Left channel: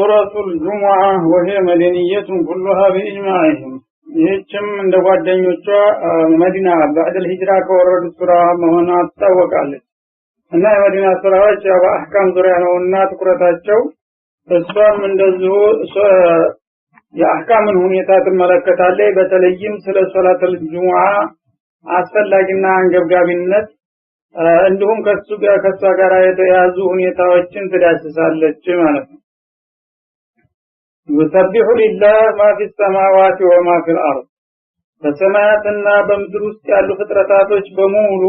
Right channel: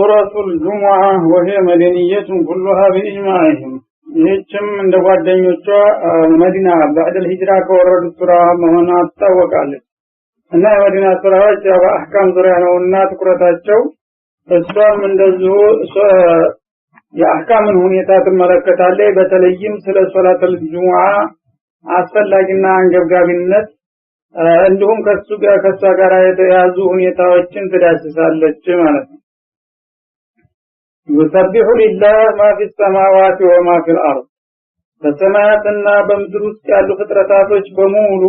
سورة الجمعة وهي مدنية كلها بإجماعهم ይህችም እንደ ጓደኞቿ መዲና بعد الهجرة ከወረዱት ሱራ መሆኗን ታወቃለች እና የመዲና ሱራዎች በአህካም ዙሪያ ነውና ትኩረታቸው እሷም እንደዚሁ የአህካምን ሁኔታ ትመለከታለች በተለይም ስለ ሶላተል ጁሙዓ አስፈላጊና አንገብጋቢነት እንዲሁም ከሷ ጋር የተያዙ ሁኔታዎችን ትዳስሳለች ማለት ነው يسبح لله ما في السماوات وما في الأرض በሰማያትና በምድር ውስጥ ያሉ ፍጥረታቶች በሙሉ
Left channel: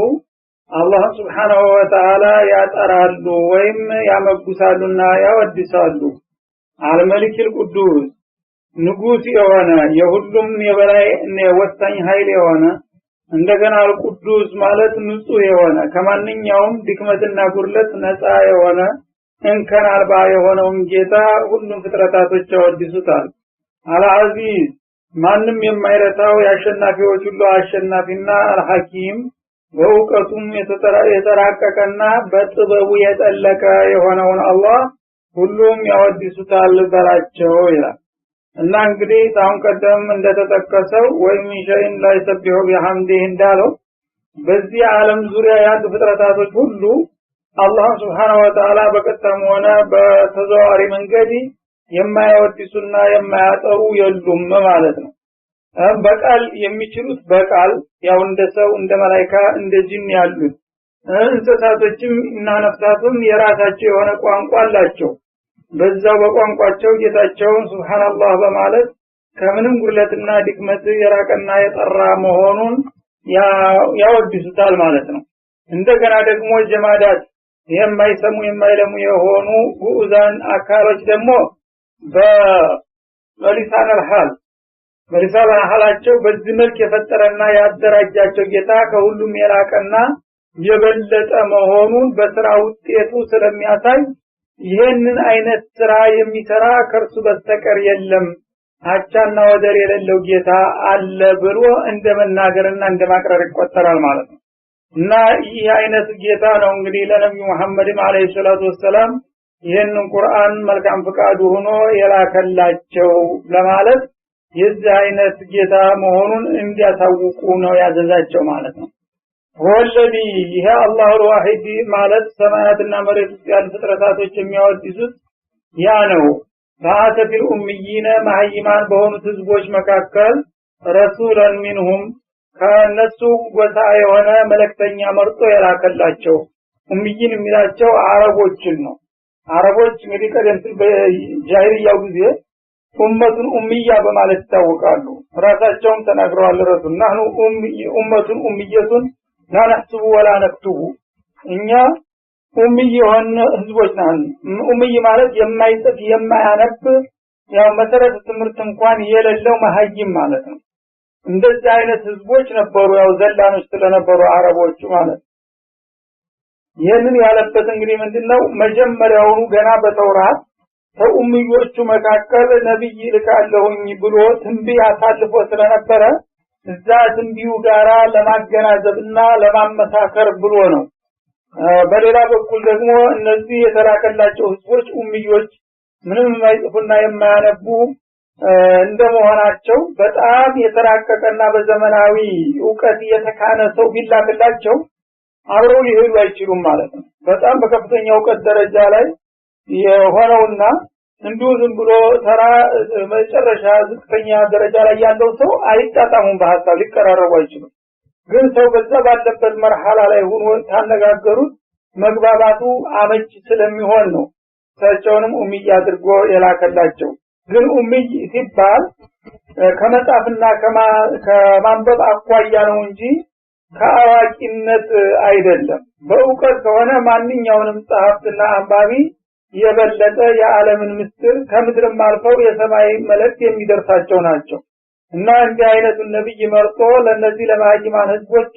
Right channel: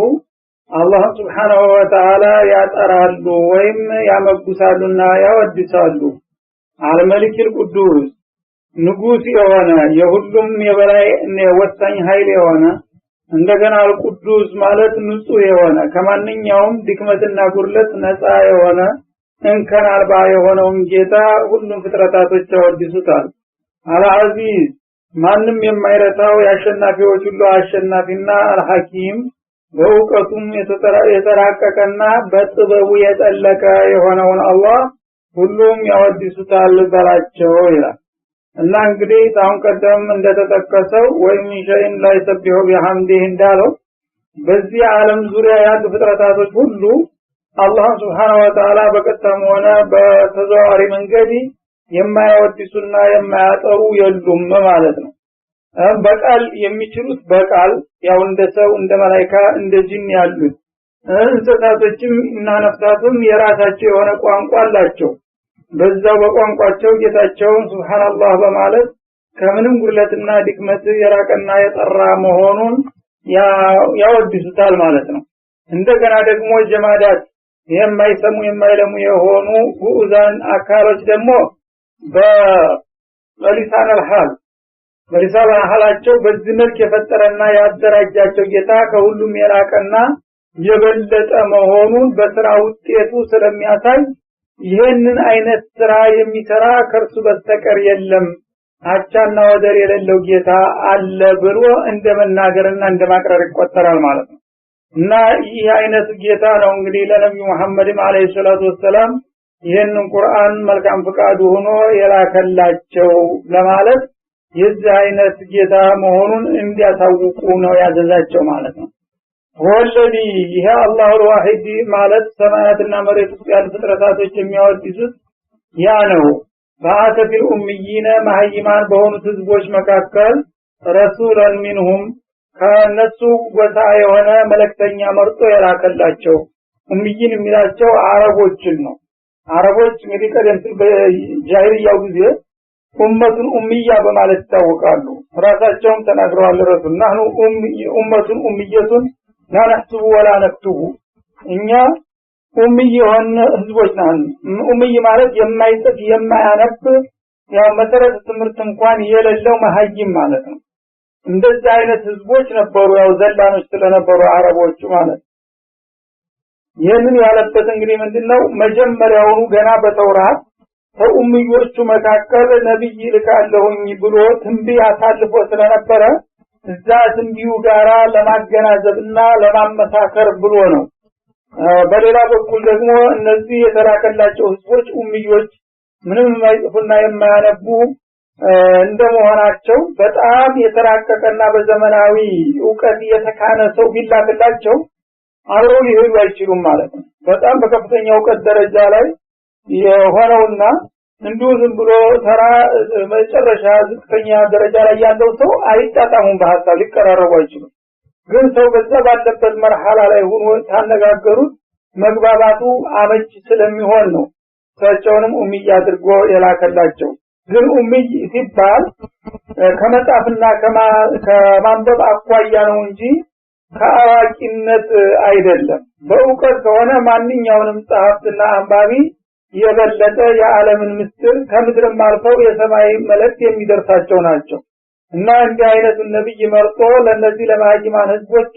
አላህ Subhanahu Wa Ta'ala ያጠራሉ ወይም ያመጉሳሉና ያወድሳሉ አልመሊክል ቅዱስ ንጉስ የሆነ የሁሉም የበላይ ወሳኝ ኃይል የሆነ እንደገና አልቅዱስ ማለት ንጹህ የሆነ ከማንኛውም ድክመትና ጉድለት ነፃ የሆነ እንከን አልባ የሆነውን ጌታ ሁሉም ፍጥረታቶች ያወድሱታል አልዓዚዝ ማንም የማይረታው ያሸናፊዎች ሁሉ አሸናፊና አልሐኪም በእውቀቱም የተራቀቀና በጥበቡ የጠለቀ የሆነውን አላህ ሁሉም ያወድሱታል በላቸው ይላል እና እንግዲህ ታውን ቀደም እንደተጠቀሰው ወይም ሸይን ላይ ሰብሖ ቢሐምዲህ እንዳለው በዚህ ዓለም ዙሪያ ያሉ ፍጥረታቶች ሁሉ አላህ Subhanahu Wa Ta'ala በቀጥታም ሆነ በተዘዋዋሪ መንገድ የማያወድሱና የማያጠሩ የሉም ማለት ነው በቃል የሚችሉት በቃል ያው እንደ ሰው እንደ መላእክት እንደ ጂን ያሉት እንስሳቶችም እና ነፍሳትም የራሳቸው የሆነ ቋንቋ አላቸው በዛው በቋንቋቸው ጌታቸውን ሱብሃንአላህ በማለት ከምንም ጉድለትና ድክመት የራቀና የጠራ መሆኑን ያወድሱታል ማለት ነው እንደገና ደግሞ ጀማዳት የማይሰሙ የማይለሙ የሆኑ ጉኡዛን አካሎች ደግሞ በሊሳን الحال በሊሳን الحالቸው በዚህ መልክ የፈጠረና ያደራጃቸው ጌታ ከሁሉም የራቀና የበለጠ መሆኑን በስራ ውጤቱ ስለሚያሳይ ይሄንን አይነት ስራ የሚሰራ ከርሱ በስተቀር የለም አቻና ወደር የሌለው ጌታ አለ ብሎ እንደመናገርና እንደማቅረር ይቆጠራል ማለት ነው እና ይህ አይነት ጌታ ነው እንግዲህ ለነብዩ መሐመድ አለይሂ ሰላቱ ወሰለም ይሄንን ቁርአን መልካም ፍቃዱ ሆኖ የላከላቸው ለማለት የዚህ አይነት ጌታ መሆኑን እንዲያሳውቁ ነው ያዘዛቸው ማለት ነው ወለዲ ይሄ አላህ ዋሂድ ማለት ሰማያትና መሬት ውስጥ ያሉ ፍጥረታቶች የሚያወድሱት ያ ነው ባአተል ኡምይና ማህይማን በሆኑት ህዝቦች መካከል ረሱላን ሚንሁም ከነሱ ጎሳ የሆነ መልእክተኛ መርጦ የላከላቸው ኡምይን የሚላቸው አረቦችን ነው አረቦች እንግዲህ ቀደም ሲል በጃሂልያው ጊዜ ኡመቱን ኡምያ በማለት ይታወቃሉ ራሳቸውም ተናግረዋል ረሱል نحن ኡመቱን ኡምየቱን لا نكتب ولا نكتب እኛ ኡምይ የሆነ ህዝቦች ነን ኡምይ ማለት የማይጽፍ የማያነብ ያው መሰረተ ትምህርት እንኳን የሌለው መሀይም ማለት ነው እንደዚህ አይነት ህዝቦች ነበሩ ያው ዘላኖች ስለነበሩ አረቦች ማለት ይሄንን ያለበት እንግዲህ ምንድነው መጀመሪያውኑ ገና በተውራት ከኡምዮቹ መካከል ነብይ ልካለሁኝ ብሎ ትንቢት አሳልፎ ስለነበረ እዛ ትንቢዩ ጋራ ለማገናዘብና ለማመሳከር ብሎ ነው በሌላ በኩል ደግሞ እነዚህ የተላከላቸው ህዝቦች ኡምዮች ምንም የማይጽፉና የማያነቡ እንደመሆናቸው በጣም የተራቀቀና በዘመናዊ ዕውቀት የተካነ ሰው ቢላክላቸው አብረው ሊሄዱ አይችሉም ማለት ነው በጣም በከፍተኛ ዕውቀት ደረጃ ላይ የሆነውና እንዲሁ ዝም ብሎ ተራ መጨረሻ ዝቅተኛ ደረጃ ላይ ያለው ሰው አይጣጣሙም በሐሳብ ሊቀራረቡ አይችሉም ግን ሰው በዛ ባለበት መርሐላ ላይ ሆኖ ታነጋገሩት መግባባቱ አመች ስለሚሆን ነው ታቸውንም ኡምይ አድርጎ የላከላቸው ግን ኡምይ ሲባል ከመጻፍና ከማንበብ አኳያ ነው እንጂ ከአዋቂነት አይደለም በእውቀት ከሆነ ማንኛውንም ጸሐፍትና አንባቢ የበለጠ የዓለምን ምስጢር ከምድርም አልፈው የሰማይ መልእክት የሚደርሳቸው ናቸው እና እንዲህ አይነቱ ነብይ መርጦ ለነዚህ ለማህይማን ህዝቦች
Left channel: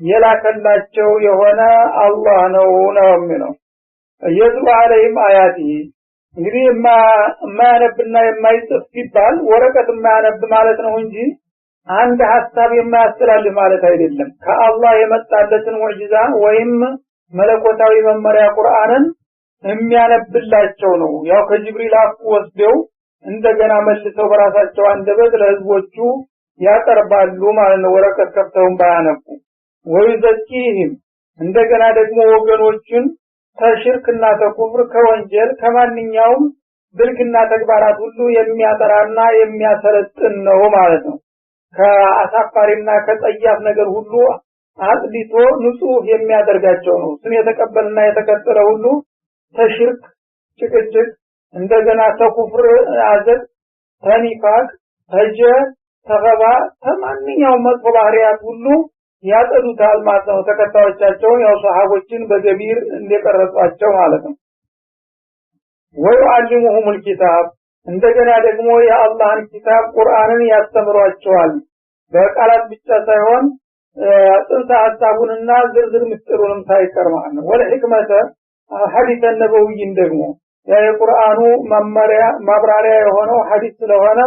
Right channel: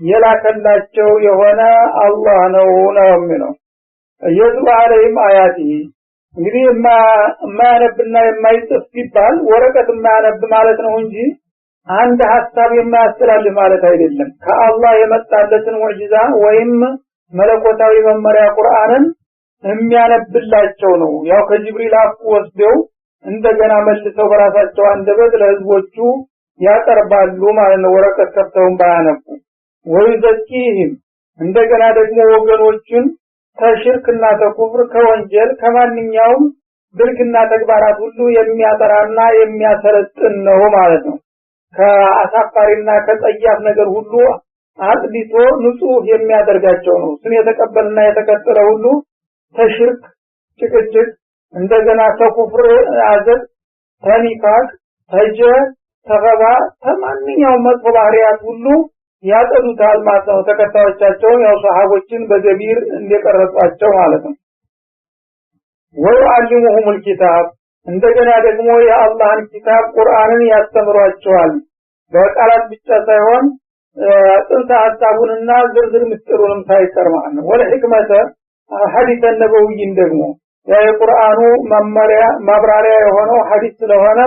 የላከላቸው የሆነ አላህ ነው የሚለው የትሉ አለይሂም አያቲ እንግዲህ ማያነብና የማይጽፍ ሲባል ወረቀት ማያነብ ማለት ነው እንጂ አንድ ሐሳብ የማያስተላልፍ ማለት አይደለም ከአላህ የመጣለትን ሙዕጂዛ ወይም መለኮታዊ መመሪያ ቁርአንን የሚያነብላቸው ነው። ያው ከጅብሪል አፍ ወስደው እንደገና መልሰው በራሳቸው አንደበት ለህዝቦቹ ያቀርባሉ ማለት ነው። ወረቀት ከፍተውም ባያነቡ ወይዘኪህም እንደገና ደግሞ ወገኖችን ተሽርክና ተኩፍር ከወንጀል ከማንኛውም ብልግና ተግባራት ሁሉ የሚያጠራና የሚያሰለጥን ነው ማለት ነው። ከአሳፋሪና ከጸያፍ ነገር ሁሉ አጥቢቶ ንጹህ የሚያደርጋቸው ነው። ስም የተቀበልና የተከተለ ሁሉ ተሽርክ ጭቅጭቅ እንደገና ተኩፍር አዘት ተኒፋቅ ተገባ ከማንኛውም መጥፎ ባህሪያት ሁሉ ያጠዱታል ማለት ነው። ተከታዮቻቸው ያው ሰሃቦችን በገቢር እንደቀረጿቸው ማለት ነው። ወይዓልሙሁም الكتاب እንደገና ደግሞ የአላህን ኪታብ ቁርአንን ያስተምሯቸዋል። በቃላት ብቻ ሳይሆን ጽንሰ ሐሳቡንና ዝርዝር ምስጢሩንም ሳይቀር ማለት ነው። ወለህክመተ ሐዲስ ነበዊን ደግሞ የቁርአኑ መመሪያ ማብራሪያ የሆነው ሐዲስ ስለሆነ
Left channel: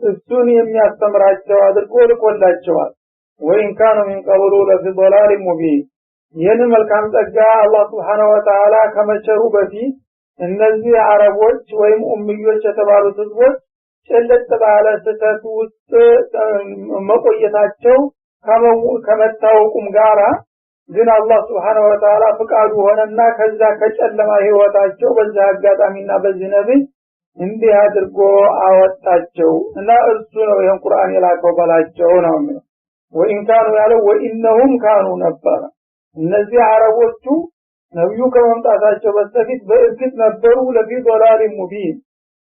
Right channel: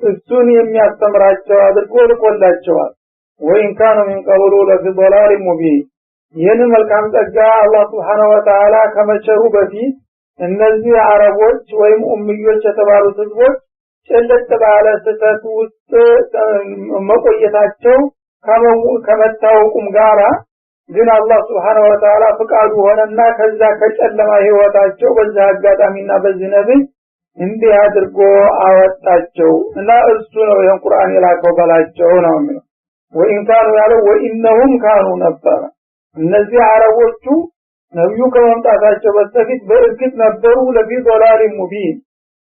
እሱን የሚያስተምራቸው አድርጎ ልኮላቸዋል። ወይን ካኑ ሚን ቀብሉ ለፊ ضلال ሙቢን ይህን መልካም ጸጋ አላህ Subhanahu Wa Ta'ala ከመቸሩ በፊት እነዚህ አረቦች ወይም ኡምዮች የተባሉት ህዝቦች ጨለጥ ባለ ስህተት ውስጥ መቆየታቸው ከመታወቁም ጋራ ግን አላህ Subhanahu Wa Ta'ala ፍቃዱ ሆነና ከዛ ከጨለማ ህይወታቸው በዛ አጋጣሚና በዚህ ነብይ እንዲህ አድርጎ አወጣቸው እና እሱ ነው ይሄን ቁርአን የላከው ባላቸው ነው የሚለው። ወኢን ካኑ ያለው ወኢነሁም ካኑ ነበር እነዚህ አረቦቹ ነብዩ ከመምጣታቸው በፊት በእርግጥ ነበሩ ለፊ ضلال ሙቢን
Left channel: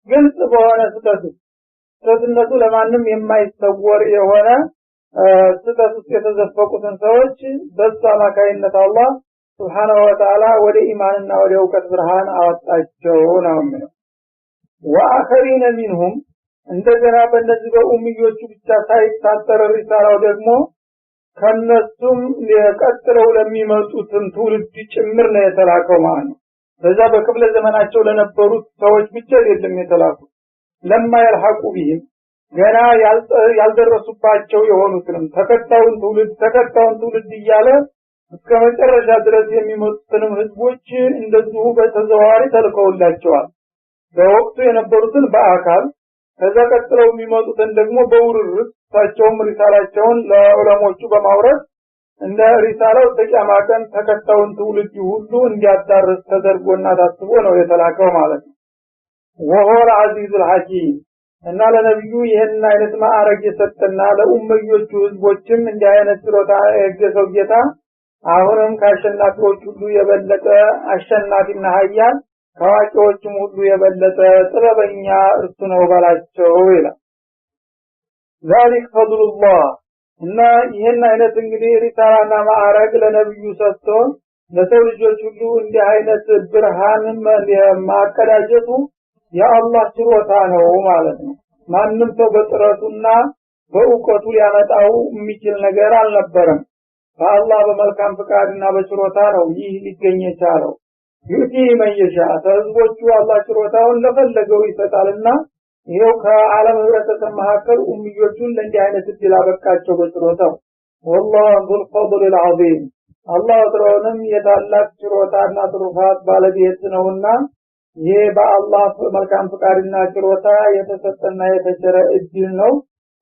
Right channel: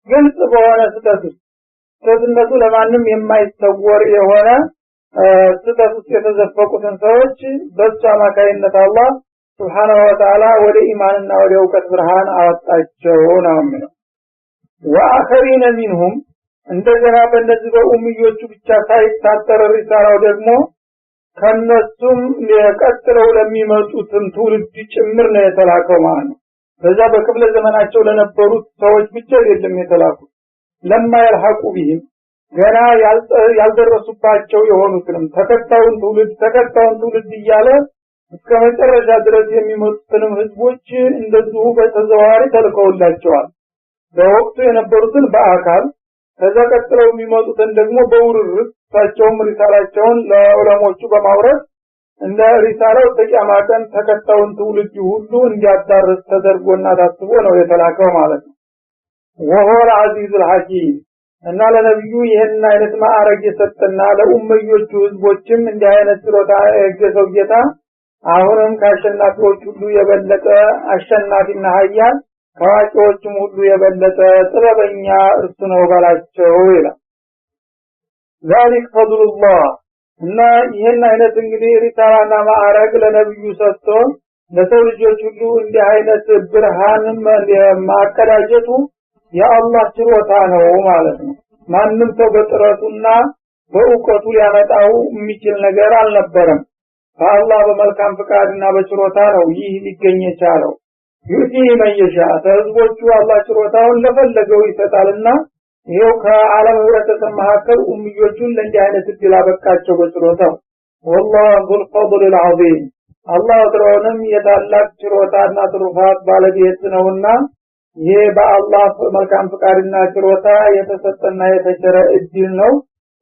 ግልጽ በሆነ ስህተት ለማንም የማይተወር የሆነ ስህተት ውስጥ የተዘፈቁትን ሰዎች በዛ አማካይነት አላህ Subhanahu Wa Ta'ala ወደ ኢማንና ወደ እውቀት ብርሃን አወጣቸው ነው የሚለው። ወአኸሪነ ሚንሁም እንደገና በእነዚህ በኡምዮቹ ብቻ ሳይታጠር ሪሳላው ደግሞ ከነሱም የቀጥለው ለሚመጡትን ትውልድ ጭምር ነው የተላከው ማለት ነው። በዛ በክፍለ ዘመናቸው ለነበሩት ሰዎች ብቻ አይደለም የተላኩት ለማ ይልሐቁ ቢህም ገና ያልደረሱባቸው የሆኑትንም ተከታዩን ትውልድ እያለ እስከ መጨረሻ ድረስ የሚመጡትንም ህዝቦች እንደዚሁ በተዘዋዋሪ ተልከውላቸዋል። በወቅቱ የነበሩትን በአካል ከዛ ቀጥለው የሚመጡትን ደግሞ በውርርስ ታቸውም ሪሳላቸውን ለዑለሞቹ በማውረድ እንደ ሪሳላው ተቂያማቀን ተከታዩን ትውልድ ሁሉ እንዲያዳርስ ተደርጎና ታስቦ ነው የተላከው ማለት ነው። ወሁወ አልዓዚዙል ሐኪም እና ለነብዩ ይሄን አይነት ማዕረግ የሰጠና ለኡመዮቹ ህዝቦችም እንዲህ አይነት ችሎታ የገዘው ጌታ አሁንም ከአሸናፊዎች ሁሉ የበለጠ አሸናፊና ኃያል ከዋቂዎችም ሁሉ የበለጠ ጥበበኛ እርሱ ነው ባላቸው ይላል። ذلك فضل الله እና ይሄን አይነት እንግዲህ ሪሳላና ማዕረግ ለነብዩ ሰጥቶ ለሰው ልጆች ሁሉ እንዲህ አይነት ብርሃንን ማቀዳጀቱ የአላህ ችሎታ ነው ማለት ነው። ማንም ሰው በጥረቱና በእውቀቱ ሊያመጣው የሚችል ነገር አልነበረም። በአላህ በመልካም ፍቃድና በችሎታ ነው ይህ ሊገኝ የቻለው። ዩቲ መየሻ ተህዝቦቹ አላህ ችሎታውን ለፈለገው ይሰጣልና ይሄው ከዓለም ህብረተሰብ መካከል ኡምዮቹን ለእንዲህ አይነት እድል አበቃቸው በችሎታው። ወላሁ ዙል ፈድል አልዓዚም አላህ ወትሮውንም የታላቅ ችሎታና ትሩፋት ባለቤት ነውና ይሄ በአላህ መልካም ፍቃድና ችሎታ የተሰጠና የተቸረ እድል ነው።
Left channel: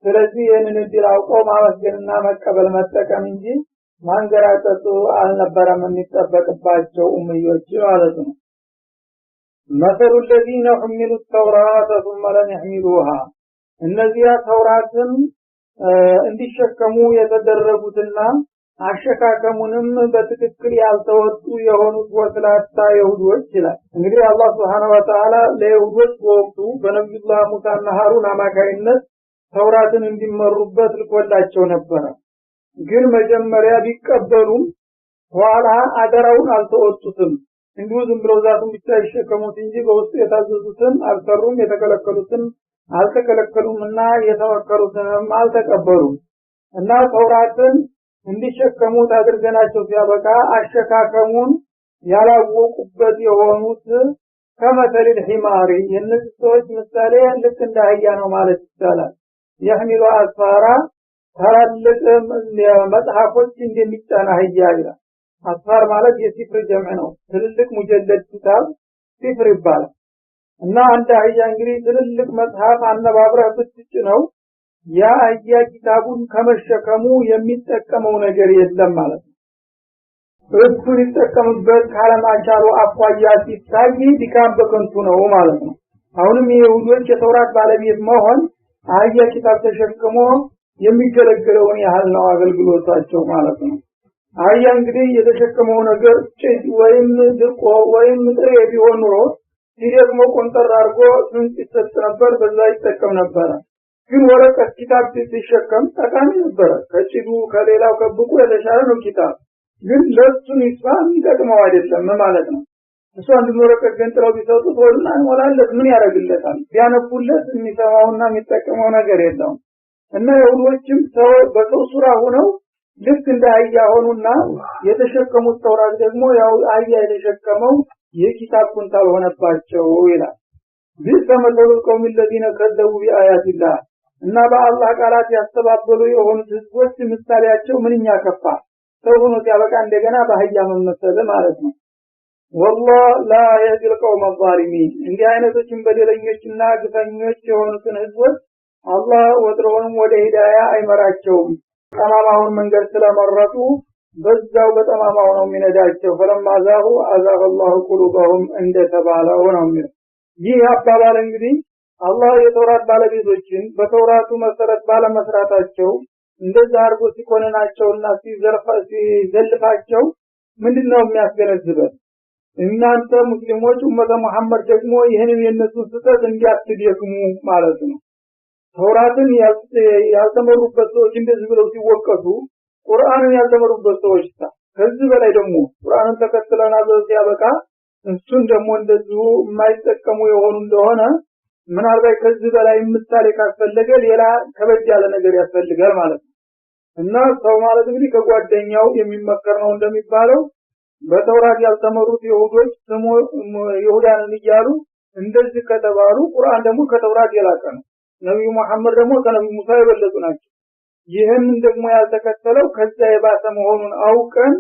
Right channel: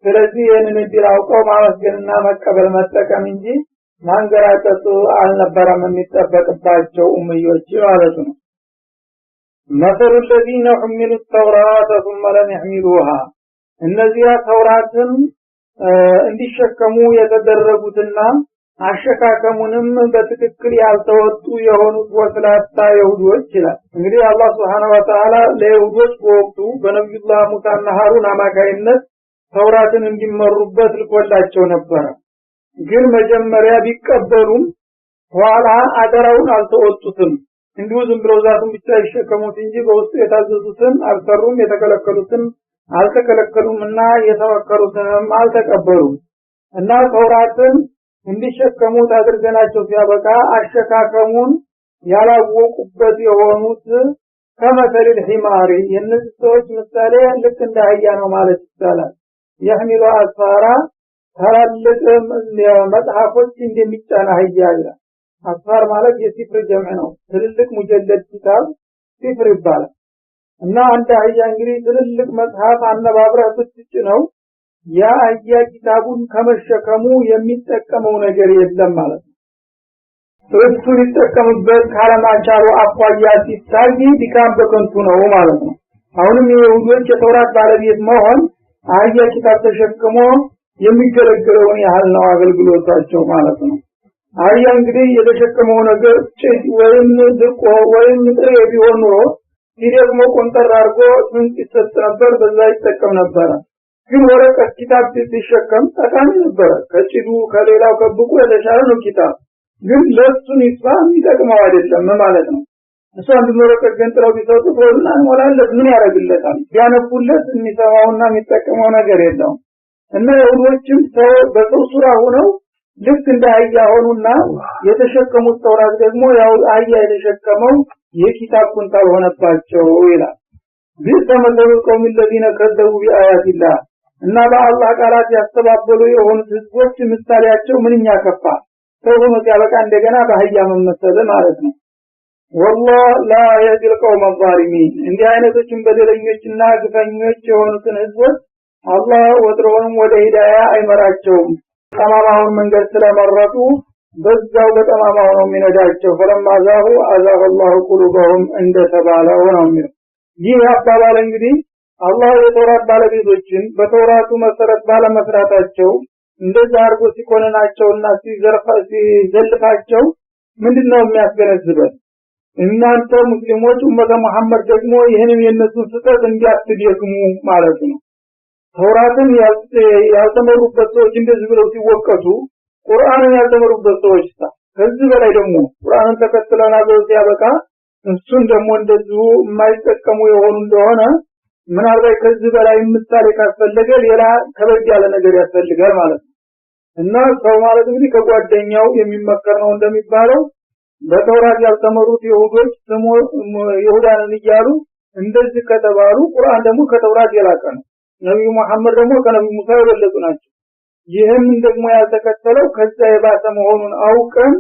ስለዚህ ይህንን እድል አውቀው ማመስገንና መቀበል መጠቀም እንጂ ማንገራጠጡ አልነበረም የሚጠበቅባቸው ኡምዮች ማለት ነው። مثل الذين حملوا التوراة ثم لم يحملوها እነዚያ ተውራትን እንዲሸከሙ የተደረጉትና አሸካከሙንም በትክክል ያልተወጡ የሆኑት ወስላታ ይሁዶች ይላል። እንግዲህ አላህ Subhanahu Wa Ta'ala ለይሁዶች በወቅቱ በነብዩላህ ሙሳና ሃሩን አማካይነት ተውራትን እንዲመሩበት ልኮላቸው ነበር። ግን መጀመሪያ ቢቀበሉም ኋላ አደራውን አልተወጡትም። እንዲሁ ዝም ብለው ዛቱን ብቻ ይሸከሙት እንጂ በውስጡ የታዘዙትን አልሰሩም፣ የተከለከሉትን አልተከለከሉምና የተወከሩትንም አልተቀበሉም። እና ተውራትን እንዲሸከሙት አድርገናቸው ሲያበቃ አሸካከሙን ያላወቁበት የሆኑት ከመሰል ሒማሪ የነዚህ ሰዎች ምሳሌ ልክ እንደ አህያ ነው ማለት ይቻላል። የህሚሉ አስፋራ ታላልቅ መጽሐፎች እንደሚጫና አህያ ይላል። አስፋር ማለት የሲፍር ጀምዕ ነው። ትልልቅ ሙጀለድ ኪታብ ሲፍር ይባላል። እና አንተ አህያ እንግዲህ ትልልቅ መጽሐፍ አነባብረህ ብትጭነው ያ አህያ ኪታቡን ከመሸከሙ የሚጠቀመው ነገር የለም ማለት ነው። እሱ ሊጠቀምበት ካለማቻሉ አኳያ ሲታይ ድካም በከንቱ ነው ማለት ነው። አሁንም የይሁዶች የተውራት ባለቤት መሆን አህያ ኪታብ ተሸክሞ የሚገለገለውን ያህል ነው አገልግሎታቸው ማለት ነው። አህያ እንግዲህ የተሸከመው ነገር ጭድ ወይም ድቆ ወይም ጥሬ ቢሆን ኖሮ ሲደግሞ ቆንጠር አድርጎ ስንቅ ይሰጥ ነበር፣ በዛ ይጠቀም ነበር። ግን ወረቀት ኪታብ ሲሸከም ጠቃሚ ነበር። ከጭዱ ከሌላው ከብቁ የተሻለ ነው ኪታብ፣ ግን ለሱን ይፋም ይጠቅመው አይደለም ማለት ነው። እሱ አንድ ወረቀት ገንጥለው ቢሰጡት ወልና ወላለት ምን ያደርግለታል? ቢያነቡለት የሚሰማውና የሚጠቀመው ነገር የለውም። እና የሁዶችም በሰው ሱራ ሆነው ልክ እንደ አህያ ሆኑና የተሸከሙት ተውራት ደግሞ ያው አህያ የተሸከመው የኪታብ ኩንታል ሆነባቸው ይላል። ቢተመለሉ ቀውም الذين كذبوا بآيات الله እና በአላህ ቃላት ያስተባበሉ የሆኑት ህዝቦች ምሳሌያቸው ምንኛ ከፋ። ሰው ሆኖ ሲያበቃ እንደገና በአህያ መመሰል ማለት ነው። والله لا يهدي القوم الظالمين። እንዲህ አይነቶችን በደለኞችና ግፈኞች የሆኑትን ህዝቦች አላህ ወጥሮንም ወደ ሂዳያ አይመራቸውም። ጠማማውን መንገድ ስለመረጡ በዛው በጠማማው ነው የሚነዳቸው። ፈለማ ዛሁ አዛገ الله قلوبهم እንደተባለው ነው። ይህ አባባል እንግዲህ አላህ የተውራት ባለቤቶችን በተውራቱ መሰረት ባለመስራታቸው እንደዛ አርጎ ሲኮነናቸውና ሲዘልፋቸው ምንድነው የሚያስገነዝበው? እናንተ ሙስሊሞች ኡመተ መሐመድ ደግሞ ይሄንን የነሱን ስህተት እንዲያትደክሙ ማለት ነው። ተውራትን ያልተመሩበት ሰዎች እንደዚህ ብለው ሲወቀሱ ቁርአንን ያልተመሩበት ሰዎች ከዚህ በላይ ደግሞ ቁርአንን ተከትለናል ብለው ሲያበቃ እሱን ደግሞ እንደዚሁ የማይጠቀሙ የሆኑ እንደሆነ ምናልባት ከዚህ በላይ ምሳሌ ካስፈለገ ሌላ ከበድ ያለ ነገር ያስፈልጋል ማለት ነው። እና ሰው ማለት እንግዲህ ከጓደኛው የሚመከር ነው እንደሚባለው በተውራት ያልተመሩት ይሁዶች ስሙ ይሁዳንን እያሉ እንደዚህ ከተባሉ ቁርአን ደግሞ ከተውራት የላቀ ነው። ነብዩ መሐመድ ደግሞ ከነብዩ ሙሳ የበለጡ ናቸው። ይህን ደግሞ ያልተከተለው ከዛ የባሰ መሆኑን አውቀን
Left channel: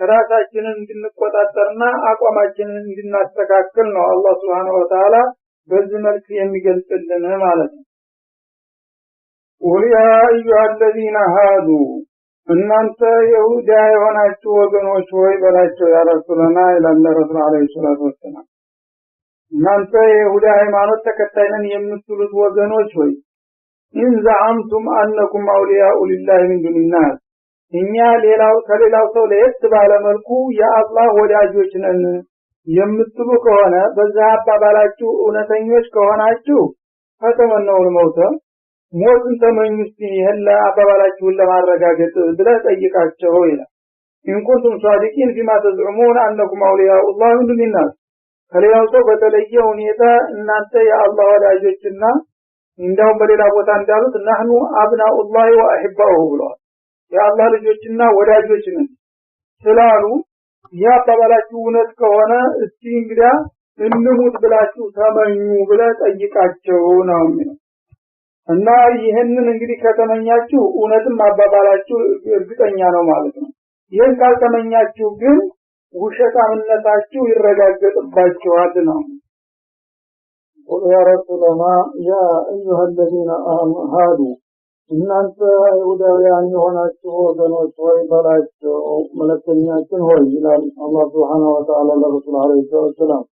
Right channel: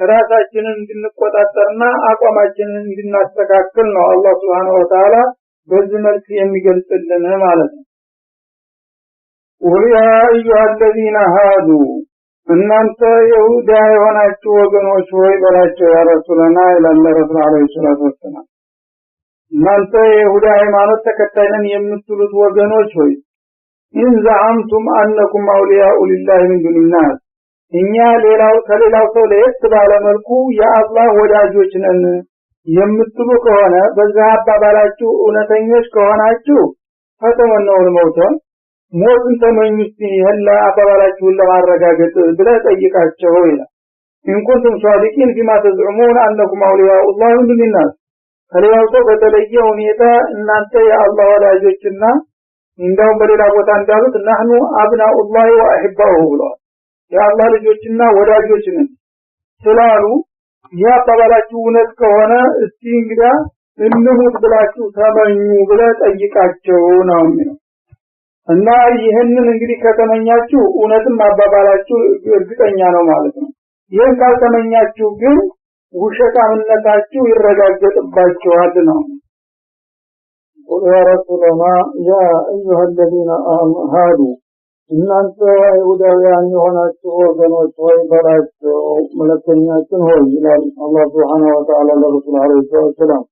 ራሳችንን እንድንቆጣጠርና አቋማችንን እንድናስተካክል ነው አላህ Subhanahu Wa Ta'ala በዚህ መልኩ የሚገልጽልን ማለት ነው። ወያ አዩሃ الذين هادوا እናንተ ይሁዳ የሆናችሁ ወገኖች ሆይ በላቸው ያ ረሱላና ኢላላ ረሱል አለይሂ ሰላቱ ወሰለም። እናንተ የይሁዳ ሃይማኖት ተከታይ ነን የምትሉት ወገኖች ሆይ ኢን ዘዐምቱም አነኩም አውሊያኡ ሊላሂ ሚን ዱኒናስ፣ እኛ ከሌላው ሰው ለየት ባለ መልኩ የአላህ ወዳጆች ነን የምትሉ ከሆነ በዛ አባባላችሁ እውነተኞች ከሆናችሁ ፈተመነውን ሞትን ተመኙ እስቲ ይሄላ አባባላችሁን ለማረጋገጥ ብለህ ጠይቃቸው ይላል። እንኩንቱም ሷዲቂን ፊማ ተዝዑሙን አነኩም አውሊያኡ ላሂ ሚን ዱኒናስ፣ ከሌላው ሰው በተለየ ሁኔታ እናንተ የአላህ ወዳጆችና እንደው በሌላ ቦታ እንዳሉት ነህኑ አብናኡላሂ ወአሂባሁ ብለዋል። የአላህ ልጆችና ወዳጆች ነን ስላሉ ያ አባባላችሁ እውነት ከሆነ እስቲ እንግዲህ እንሙት ብላችሁ ተመኙ ብለህ ጠይቃቸው ነው የሚለው። እና ይሄንን እንግዲህ ከተመኛችሁ እውነትም አባባላችሁ እርግጠኛ ነው ማለት ነው። ይሄን ካልተመኛችሁ ግን ውሸታምነታችሁ ይረጋገጥባችኋል ነው። ወረሱላና ያ አዩሃ الذين هادوا እናንተ አይሁዳውያን የሆናችሁ ወገኖች ሆይ በላቸው መልእክተኛችን ሆይ ይላል አላህ Subhanahu Wa Ta'ala ለረሱል አለይሂ ሰላም።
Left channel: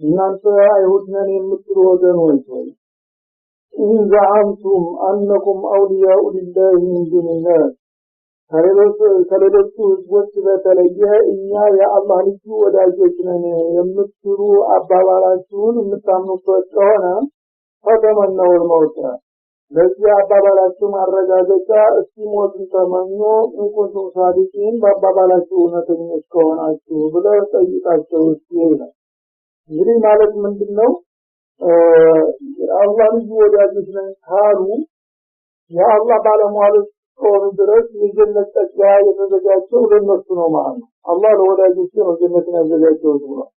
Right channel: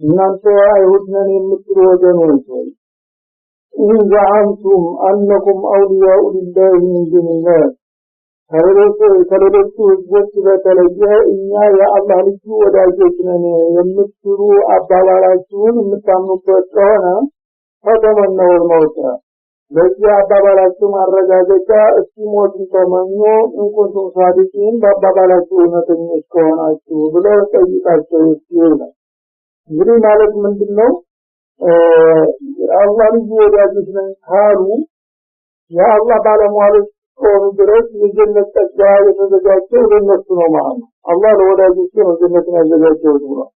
እናንተ አይሁድ ነን የምትሉ ወገኖች ሆይ ኢን ዘዐምቱም አነኩም አውሊያኡ ሊላሂ ሚን ዱኒናስ፣ ከሌሎቹ ህዝቦች በተለየ እኛ የአላህ ልጅ ወዳጆች ነን የምትሉ አባባላችሁን የምታምኑበት ከሆነ ፈተመነውል መውት፣ ለዚህ አባባላችሁ ማረጋገጫ እስቲ ሞትን ተመኙ እንኩንቱም ሷዲቂን፣ በአባባላችሁ እውነተኞች ከሆናችሁ ብለው ጠይቃቸው ይላል። እንግዲህ ማለት ምንድነው? አላህ ልጅ ወዳጆች ነን ካሉ የአላህ ባለሟሎች ከሆኑ ድረስ የጀነት ተስፋ የተዘጋጀው ለነሱ ነው ማለት ነው። አላህ ለወዳጆቹ ነው ጀነትን ያዘጋጀው ብሏል።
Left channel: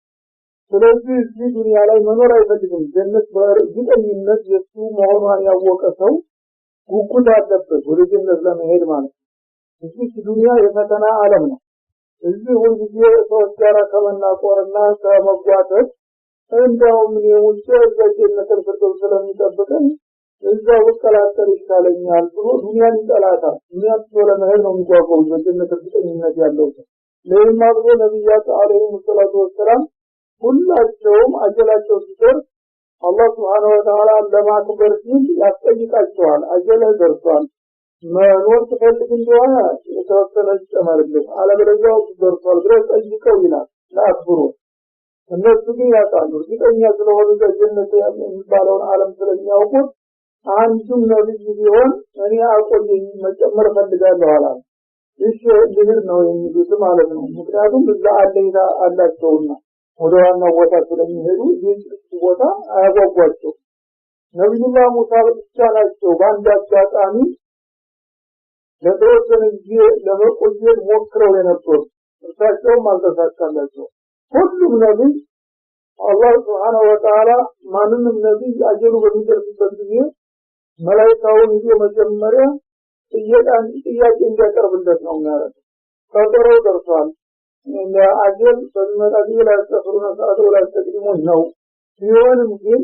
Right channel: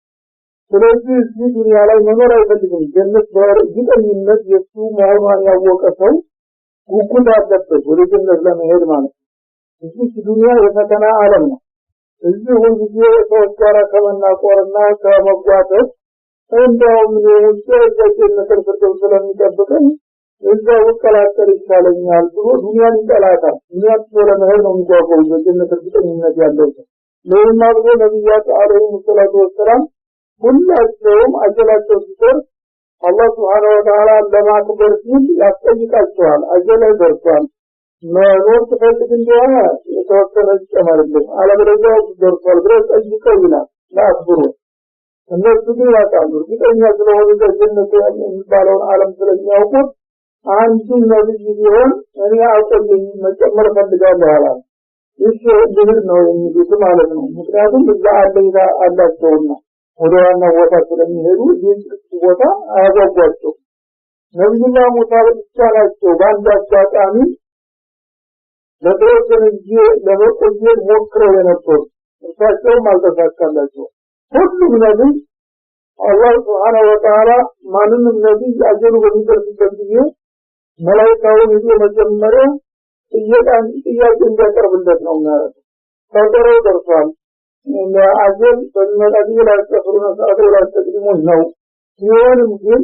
ስለዚህ እዚህ ዱንያ ላይ መኖር አይፈልግም። ጀነት በእርግጠኝነት የሱ መሆኗን ያወቀ ሰው ጉጉት አለበት ወደ ጀነት ለመሄድ ማለት ነው። እዚህ ዱንያ የፈተና ዓለም ነው። እዚህ ሁልጊዜ ሰዎች ጋር ከመናቆርና ከመጓተት እንደውም የጀነት ፍርዶስ ስለሚጠብቀኝ እዛው ወከላተር ይሻለኛል ብሎ ዱንያን ይጠላታል። ዱንያን ስለመሄድ ነው የሚጓጓው በጀነት ፍርዶስ ያለው ለማ ብሎ ነብያት አለይሂ ሰላቱ ወሰላም ሁላቸውም አጀላቸው ሲደርስ አላህ Subhanahu Wa Ta'ala ለማክበር ሲል ያስጠይቃቸዋል። አጀለ ደርሷል መኖር ትፈልግ እንደሆነ የተወሰነ ይጨመርልኝ አለበለዚያ ደርሷል ብለው ጠይቀው ይላል ለአክብሩ እነሱ ግን ያውቃሉ እርግጠኛ ስለሆኑ በጀነት የሚባለውን ዓለም ስለሚያውቁት አንዱ ነብይ ቢሆን እኔ አቆየኝ መጨመር ፈልጋለሁ አላል። እሺ እንዲህ ነው የሚሉት ማለት ነው። ምክንያቱም እዛ አለይታ አላቸውና ወደ ዋና ቦታ ስለሚሄዱ ይህን ቦታ አያጓጓቸው። ነብዩላህ ሙሳ ብቻላቸው በአንድ አጋጣሚ ለተወሰነ ጊዜ ለመቆየት ሞክረው የነበሩ እርሳቸውም አልተሳካላቸው። ሁሉም ነብይ አላህ Subhanahu Wa Ta'ala ማንንም ነብይ አጀሉ በሚደርስበት ጊዜ መላእክቱን ይዞ መጀመሪያ ጥያቄ እንዲያቀርብለት ነው ማለት ነው። ታውቀው ደርሷል አጀል በመጣ ላይ ተፈሩና ሰዓቱ ላይ ተቀድሞ ነው ሲሆንም ግን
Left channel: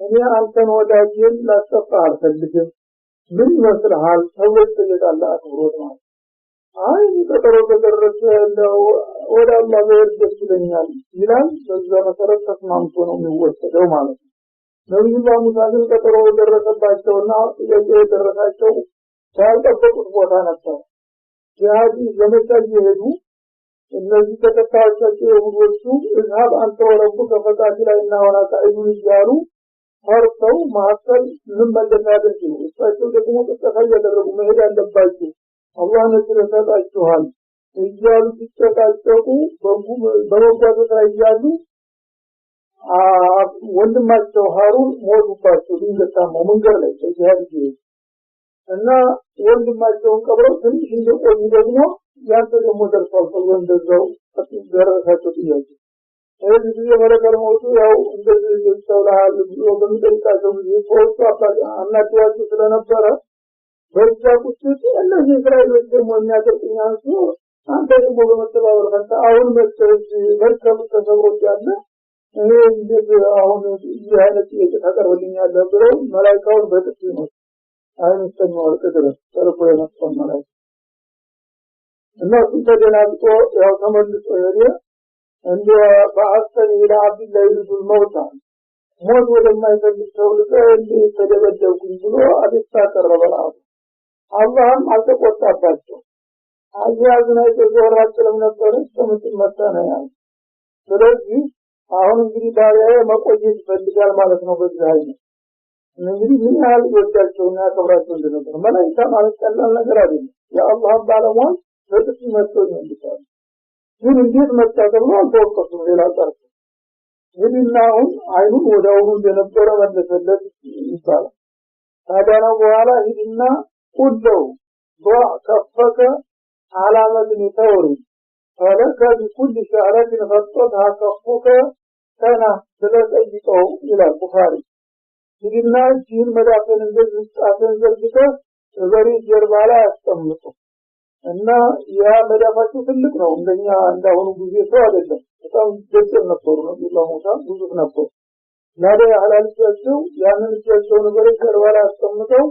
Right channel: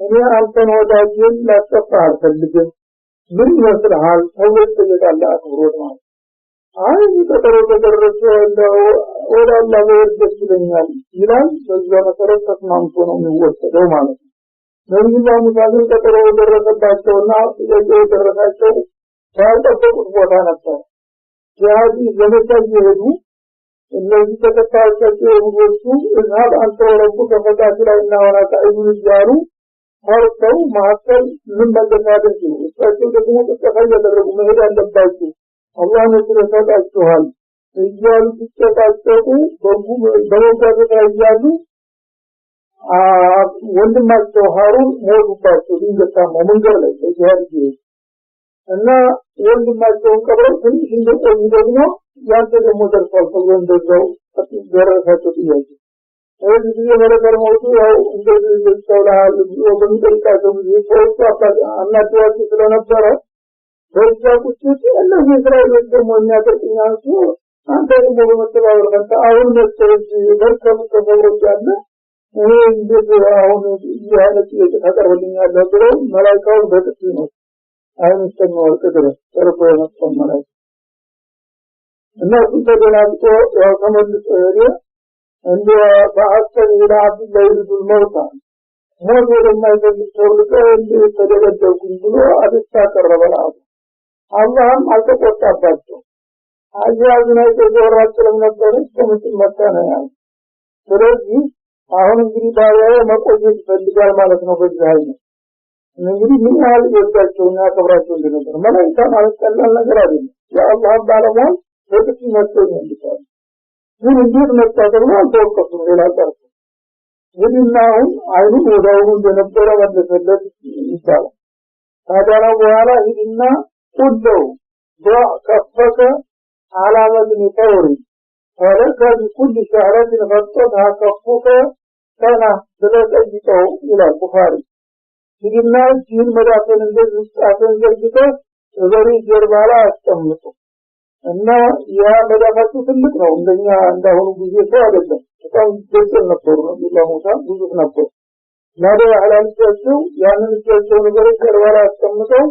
እኔ አንተን ወዳጅን ላጠፋ አልፈልግም ምን ይመስልሃል ሰዎች ተየታለ አክብሮት ማለት አይ ተደረገ እንደው ወደ አላህ ወርደት ይለኛል ይላል። በዛ መሰረት ተስማምቶ ነው የሚወሰደው ማለት ነው። ነብዩላህ ሙሳ ግን ተደረገባቸውና የደረሳቸው ያልጠበቁት ቦታ ነበር። ጂሃድ ዘመቻ ይሄዱ እነዚህ ተከታዮቻቸው የሁዶቹ እዝሃብ አንተ ረቡከ ፈቃቲላና ወላ ተዒዱን ይያሉ ፈርተው ማከል ምን መለካደን ሲሉ እሳቸው ደግሞ ተቀፋ ያደረጉ መሄድ አለባቸው አላህ ነው ስለታጣቸዋል እያሉ ሲጨቃጨቁ በመጓዝ ላይ ያሉ ወንድማቸው ሃሩን ሞቱባቸው ድንገታማ መንገድ ላይ ተያዙ እና ወንድማቸውን ቀብረው ትንሽ እንደቆዩ ደግሞ ያንተ ደግሞ ደርሷል ተብሎ እንደዛው ደረሳቸው ጥያቄ እዚህ ጊዜ መረከር ሞቱ ያው እንደዚህ ተውላል በሚጠይቃቸው ጊዜ ሰዎች አናድዋቸው ስለነበረ በዛ ቁጥጥ እነዚህ እስራኤሎች ደግሞ የሚያደርጉኛንሱ አንተ ደግሞ በመተባበር ፈንታ አሁን መሰለኝ በርከም ተሰውሮች ያለ እኔ እንደዚህ አሁን ይሄነት ተቀርብልኛል ብለው መላእክቱ በጥፍ ነው አይንስተኛው ከደረስ ተርፎ የመጣው መላእክት እና ተደላልቶ ያው ተመልሶ ሄደ እንደ በአስተር ኢላ አብዱላህ ኢብኑ መውታ ሞት ወደማይፈልግ ሰው ልቀ ተደረደርኩኝ ብሎ አብስታ ቀረበላው አላህም አልተቆጣባቸው አያዝና የተዘራጨለም ነበር እስከምትል መጣና ያው ስለዚህ አሁን እንግዲህ ባሪያው መቆየት ይፈልጋል ማለት ነው። በዚህ አይነት እንግዲህ ምን ያህል ወጣቸውና ያከብራቸው እንደነበር መላእክታ ማለት ቀላል ነገር አይደለም። የአላህ ባለሟል ወጥቶ መጥቶ ይመልሳል። ግን እንዴት መጣ ደግሞ ተወቀሱ ሌላ ቀርቶ ወዲናው አይኑ ወዳው እንደነበረ መለሰለት ይባላል። ታዲያ በኋላ ይድና ሁሉ ከፈከ علامة نطور ولك بكل شعرة غطتها كفوك كان ثلاث أجيكو إلى البخاري سيدنا جين مدافن الجزء أفن جرجته ذري جربالا أستمته أن يا مدافة سلقنا عندنا عندهم بيجي سوادة كان جرجل نطور الله موسى بيجي نطور ماذا على الجزء يعني الجزء ذري جربالا أستمته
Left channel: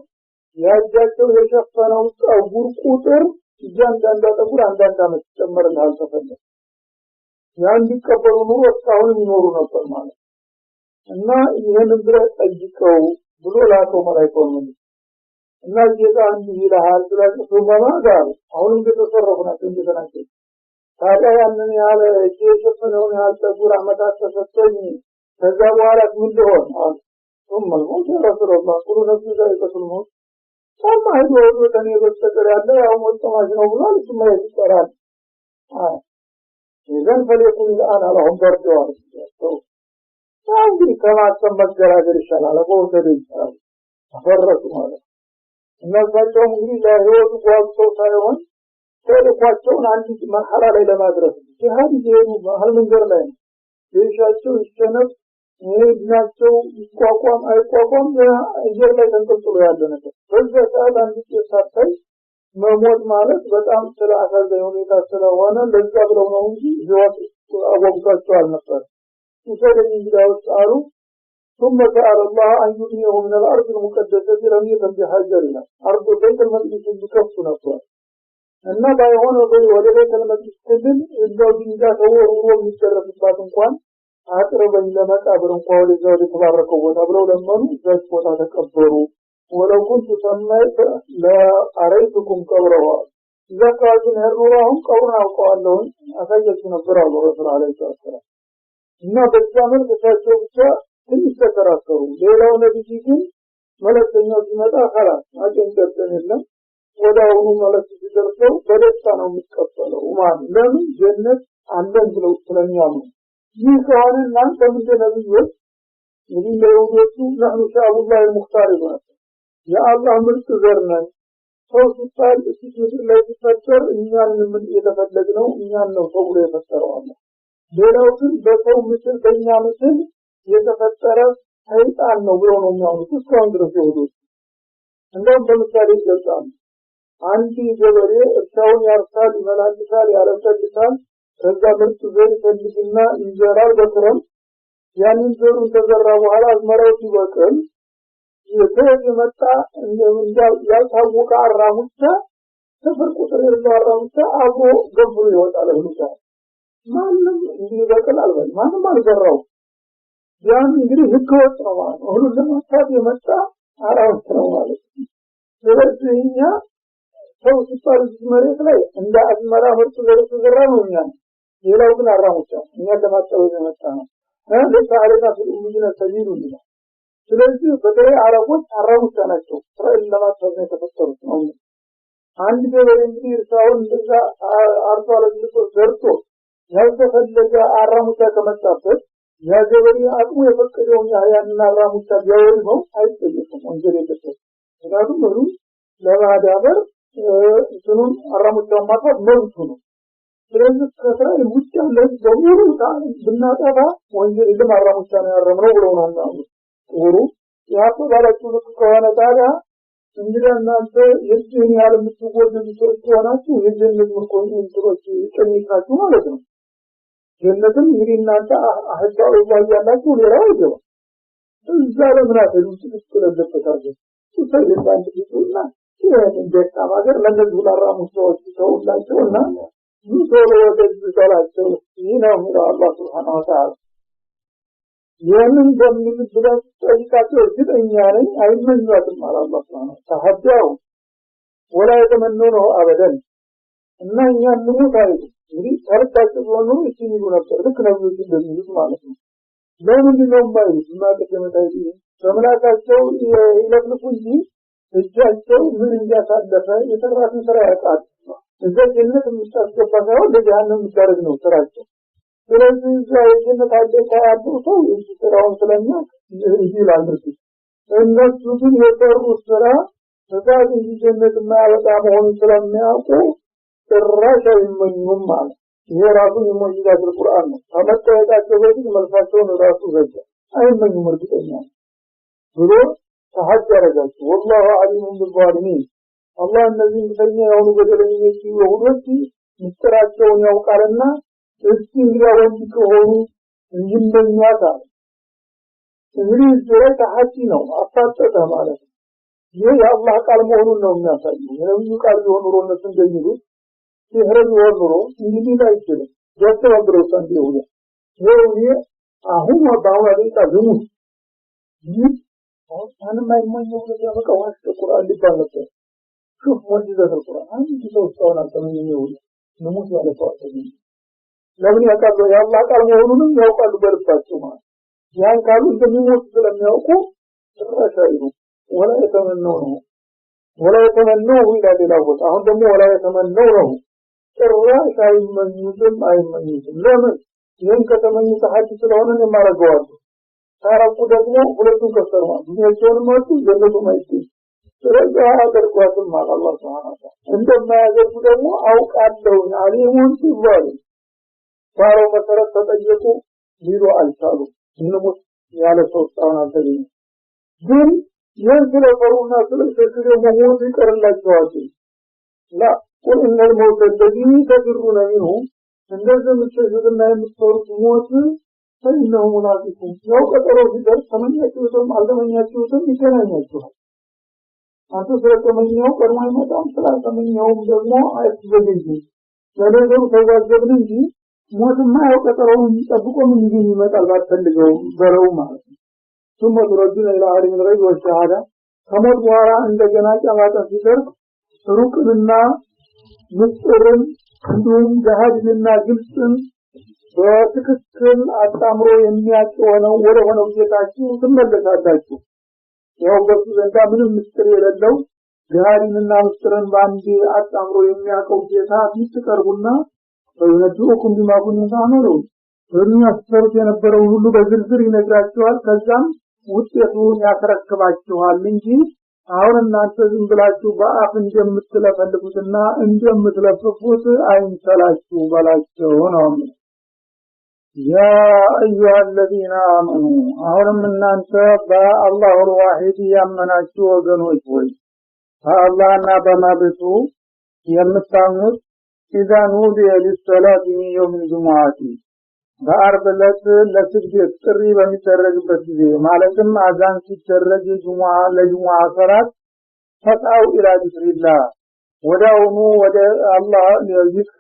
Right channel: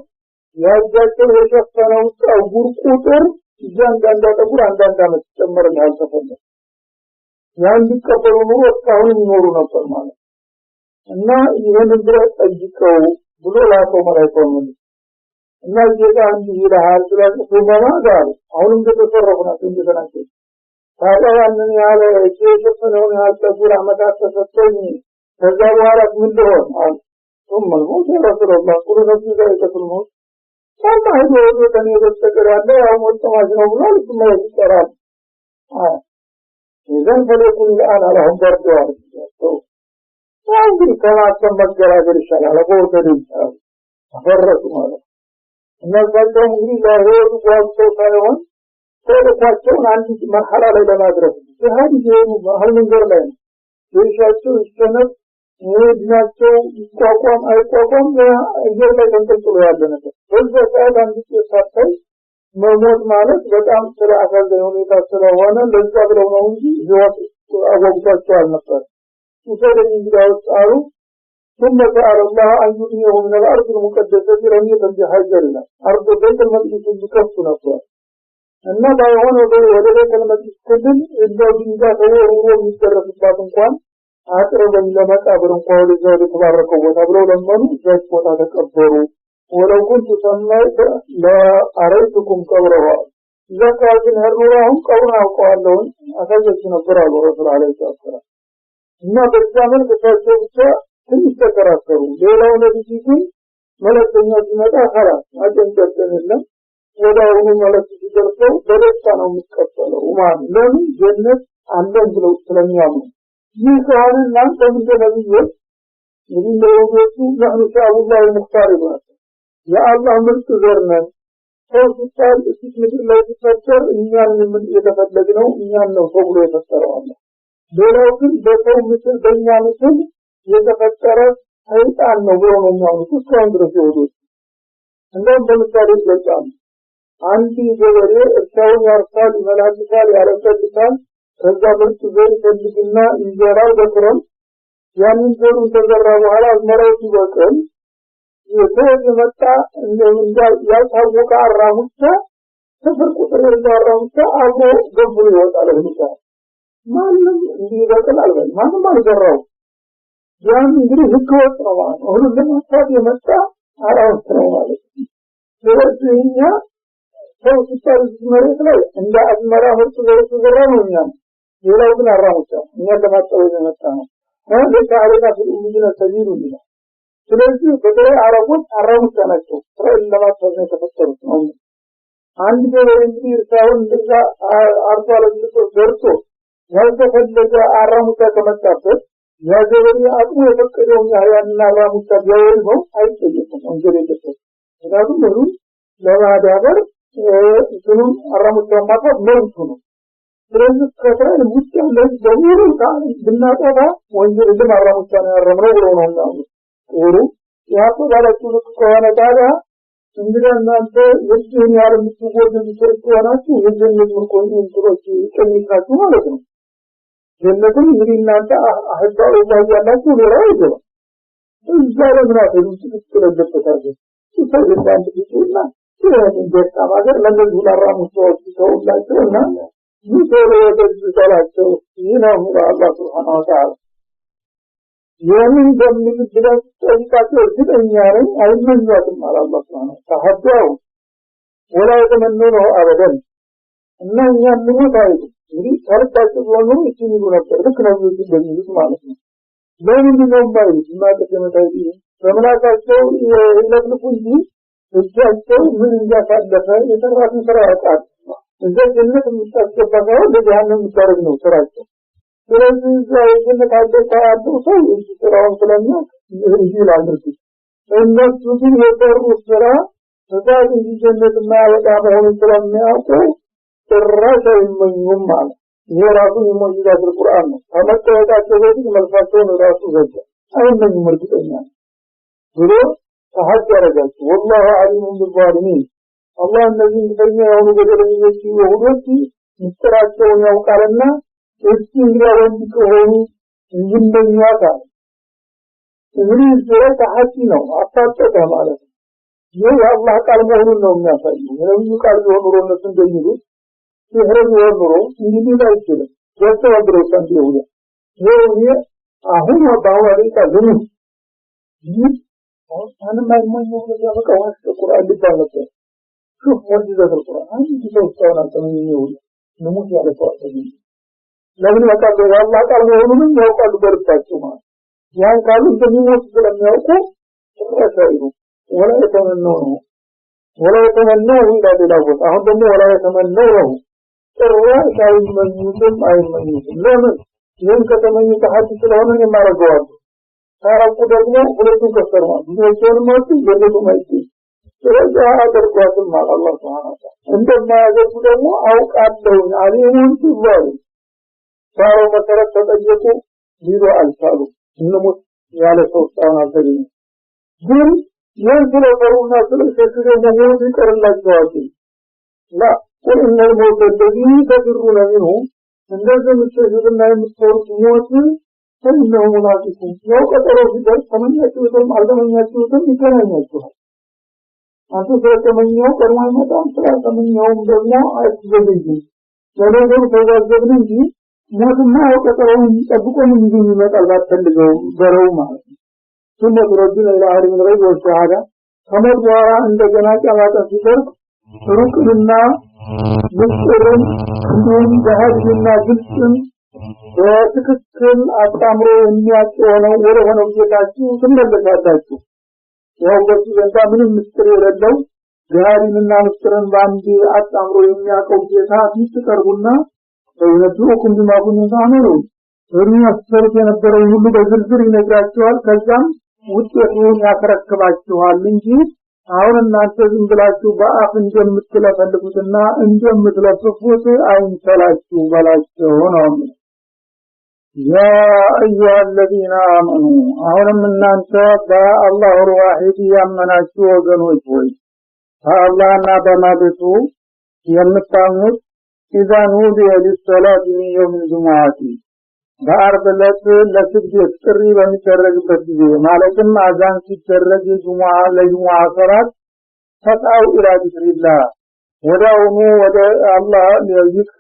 يا جزء وشفنا أو برقوتر እያንዳንዱ ተቁር አንዳንድ አመት ተጨመረናል ተፈለ ያን ቢቀበሉ ነው እስካሁን ይኖሩ ነበር ማለት እና ይሄን ብለ ጠይቀው ብሎ ላከው መላእክቱ እና ጌታ እንዲህ ይላል ስለዚህ ጋር አሁንም ተተሰረፈና እንደተናገረ ታዲያ ያንን ያለ እየሸፈነው ያልተጉራ አመታት ተሰጥቶኝ ከዛ በኋላ ምን ሊሆን አለ ثم الموت رسول الله كل نفس ذائقة الموت ሰማ ሄዶ ከኔ በስተቀር ያለው አሁን ወጣማጅ ነው ብሎ ለስማ ይቀራል ይዘን ፈለኩን ለአን አላህም በርዷል እንግዲህ ከማስተም መገራገር ይሻላል አቦተን ይሻላል አፈረሱ ማለት እነዛቸው እንግዲህ ለህይወቱ ጓቸው ሳይሆን ተለካቸውን አንዲት መርሐላ ላይ ለማድረስ ጀሃድ ይሄዱ ባህል መንገር ላይ ይሻቸው ይስተነፍ ወድናቸው ይቋቋም አይቋቋም እየር ላይ ተንጠልጥሎ ያለ ነገር በዛ ሰዓት አንድ ተሳታይ መሞት ማለት በጣም ስለአሳዛኝ ሁኔታ ስለሆነ ለዛ ብለው ነው እንጂ ህይወት አወግቷቸው አልነበር وسلم إلى أسعاره ثم سأل الله أن يبنيه من الأرض المقدسة رمية بحجرنا أرض بيت المقدس بكف نفسه النبع هنا ولا بيت المقدس كلل إلا بإذا هو يتشرف الباطن كان أقرب إلى مكابر قول الله تبارك وتعالى لمن ذات وتكبروا ولو كنت سميت لا أريتكم قبرها إذا قالت هرورهم قبرها وقال لهم أخذت نبرا الرسول عليه الصلاة والسلام إما بالزامن بفاسوكتا تنستكراسروا ليلة ونبيكم ملك النجمة خلاص أجل جبتن الله وداونه ملك تجلسوا بلسانهم متكفلوا ومان لم جنة عندهم بلو السلام يامن يسأل الناس من جنبيه يريد يوجدوا نحن شعب الله المختار بنا يا الله مرت زرنا فوق قال اسم الله تفسر إننا من يتفلقنا إننا فوق يفسر الله ولكن بقوم مثل بينا مثل يتفسر حيث أن نظرنا من يوم تسكن درسوه عندما بمثال الإسلام عندي جواري ارسال يرسال ملائكة على الكتاب فإذا مرت ذلك الجنة إنجارا ذكرا يعني انتظر تجرى وعلى المرأة ذكرا يتوجه متى من يتوقع الرامسة تفرق سرير الرامسة أبو قبل يوت على النساء ما لم يذكر الألبان ما يجرى يعني يجري هكوة روان وهو لما تابع متى أرامسة روان فلسهية سوى ستار المريض لا عند المرأة مرتبة الرامسة يلا ابن الرامسة لما تابع متى ما ليس علينا في الأمدين سبيل لنا ስለዚህ በተለይ አረቦች አራሙት ናቸው እስራኤል ለማጥፋት ነው የተፈጠሩት ነው አንድ ገበሬ እንግዲህ እርሻውን እንደዛ አርሶ አለምቶ ዘርቶ ያልተፈለገ አራሙት ከመጣበት ያ ገበሬ አቅሙ የፈቀደውን ያህልና አራሙት ቢያወልበው አይጠየቅም ወንጀል የለበትም ምክንያቱም ሁሉ ለማዳበር እንትኑን አራሙት ማጥፋት መብቱ ነው ስለዚህ ከእስራኤል ውጭ ያለው በሙሉ ብናጠፋ ወንጀል ለማራሙት ነው ያረመው ብለው ነው ማለት ወሩ ያቆ ባለችው ከሆነ ታዲያ እንግዲህ እናንተ የዚህ ያለም ትጎድሉ ተቆናችሁ የጀነት ምርኮኝ እንትሮች ይጨምራችሁ ማለት ነው ጀነትን እንግዲህ እናንተ አህዳው ያላችሁ ነው ይዘው እዛ ለምናፈሉ ትስከለበታለ ይፈይዳል ይችላል ስለዚህ ደስታ ማገር ለነዚህ ላራሙ ሰዎች ተውላቸውና ይሰሩ ወደዚህ ይናው አላህ Subhanahu Wa Ta'ala የምን ደምን ብለን ጠይቃቸው እርግጠኛ ነኝ አይመኛትም አላህ Subhanahu ተሐደው ወላ የተመነነው አበደን እና እኛ ምንታው እንግዲህ ታርታቸው ነው እቺን ነበር ልክ ነው እንደዚህ ማለት ነው ለምን ነው ማለት ማለት ተመታይ በመላካቸው ይለጥፉ እንጂ እጃቸው ምን እንዲያሳለፈ የተራራትን ስራ ያውቃል እዛ ጀነት የምታስገባው ለጀሃነም ይታረግ ነው ስራቸው ስለዚህ ጀነት አደረሳሉ ሰው ስራውን ስለኛ ይላል ድርጊት እነሱ ግን የጠሩት ስራ በዛት ጀነት ማያወጣ መሆኑን ስለሚያውቁ ጭራሽ አይመኙም ማለት የራሱ የሚሞይዛት ቁርአን ነው ከመጣጣቸው በፊት መልካቸውን ራሱ ዘጋ አይመኙም እርግጠኛ ብሎ ተሐድ ያደርጋቸው والله عليم بالظالمين الله الذي يبين يوم በደለኞች ይሁዶች ምስጥራቸውን ያውቃልና እሱ እንግዲያውን ከሆኑ ይመኛታል እንግዲህ ዘይ ተሐድ ነው አጣጣ ማለት ነው ይህ የአላህ ቃል መሆኑን ነው የሚያሳየው የነብዩ ቃል ሆኖ ነው እንደሚሉ ሲህረው ሆኖ እንግዲህ አይችልም ያስተባብረው ሰንደው ይሄ አሁን ባዋለኝ ታዝኑ ይህ አሁን ማይመኘው ነገር በቃ ቁርአን ሊባል ነበር شوف معجزة القرآن كيف تكون التمنية نموت على التوحيد لكن وقال الله قال مؤمنون يقال بركاتهما يعني قالوا تمنية لم يقوا فأسائلوا ولا يتمنونه إلا بلاغوت أهم ولا يتمنونه الرأس أي من يتم لمن ينك تمنية حدث لهم ما رجوات تعرف قدرنا ولكن كسرنا بنيشون ماتي يلدوا ماتي ስለዚህ አደርጓትም አላህ Subhanahu Wa Ta'ala እንደማያደርጉ ደግሞ አውቃለሁ አሊሙን ሲባሉ ባሮ መሰረት ተጠየቁ ሊሉ አልቻሉ እንሙት ያለ ሰው ጣና ተገኘ ግን የንስለፈሩና ስለሸክረ መሆኑ ይቀርላቸዋል ላ ወኢነ الموت الذي تفرون منه እንደዚህ የምትሸሹና የምትፈሩት ሞት فإنه ملاقيكم لو قدروا في درس فمن يأتيكم ألدمن يأتيكم يكون يأتيكم أنتم سيتمنيون كما يمتعون سيتمنيون بلنا آيات جديدين ولكن فيجازبني موتنا وقدروا يتبقوا من ديننا الله تلقوا بروا معه ثم تردون إلى عالم الغيب والشهادة كما دعا عند جناك أمات الفطر ركلنا مسترن دون جهاد لنا جلسن በትክክል አጣምሮ የሚያቀርበው ወደ ሆነው ጌታችሁ ትመለሳላችሁ ያው በሱ ዘንዳ ምንም ምስጢር የሌለው ጋሪንና ምስጢርን ባንዲ አጣምሮ የሚያቀርብ ጌታ ትቀርቡና በእውነቱም ቢማጉን ታመሩ የሚያስፈርድ የነበረው ሁሉ በዝርዝር ይነግራችኋል ከዛም ውጤቱን ያከረክባችኋል እንጂ አሁን እናንተ ዝም ብላችሁ በአፍ እንደምትለፈልፉትና እንደምትለፍፉት አይንሰላችሁ በላቸው ነው يا أيها الذين آمنوا أهلم من أنت الله الواحد يمناችሁ ወገኖች ሆይ አላህና በማለቱ የምታምኑት إذا نودي للصلاة من يوم الجمعة በአርብ ዕለት ለስግደት ጥሪ በሚደረግበት ጊዜ ማለትም አዛን ሲደረግ ለጁሙዓ ሰላት ተጣው ኢላ ዚክሪላህ ወዳውኑ ወደ አላህ ለይክ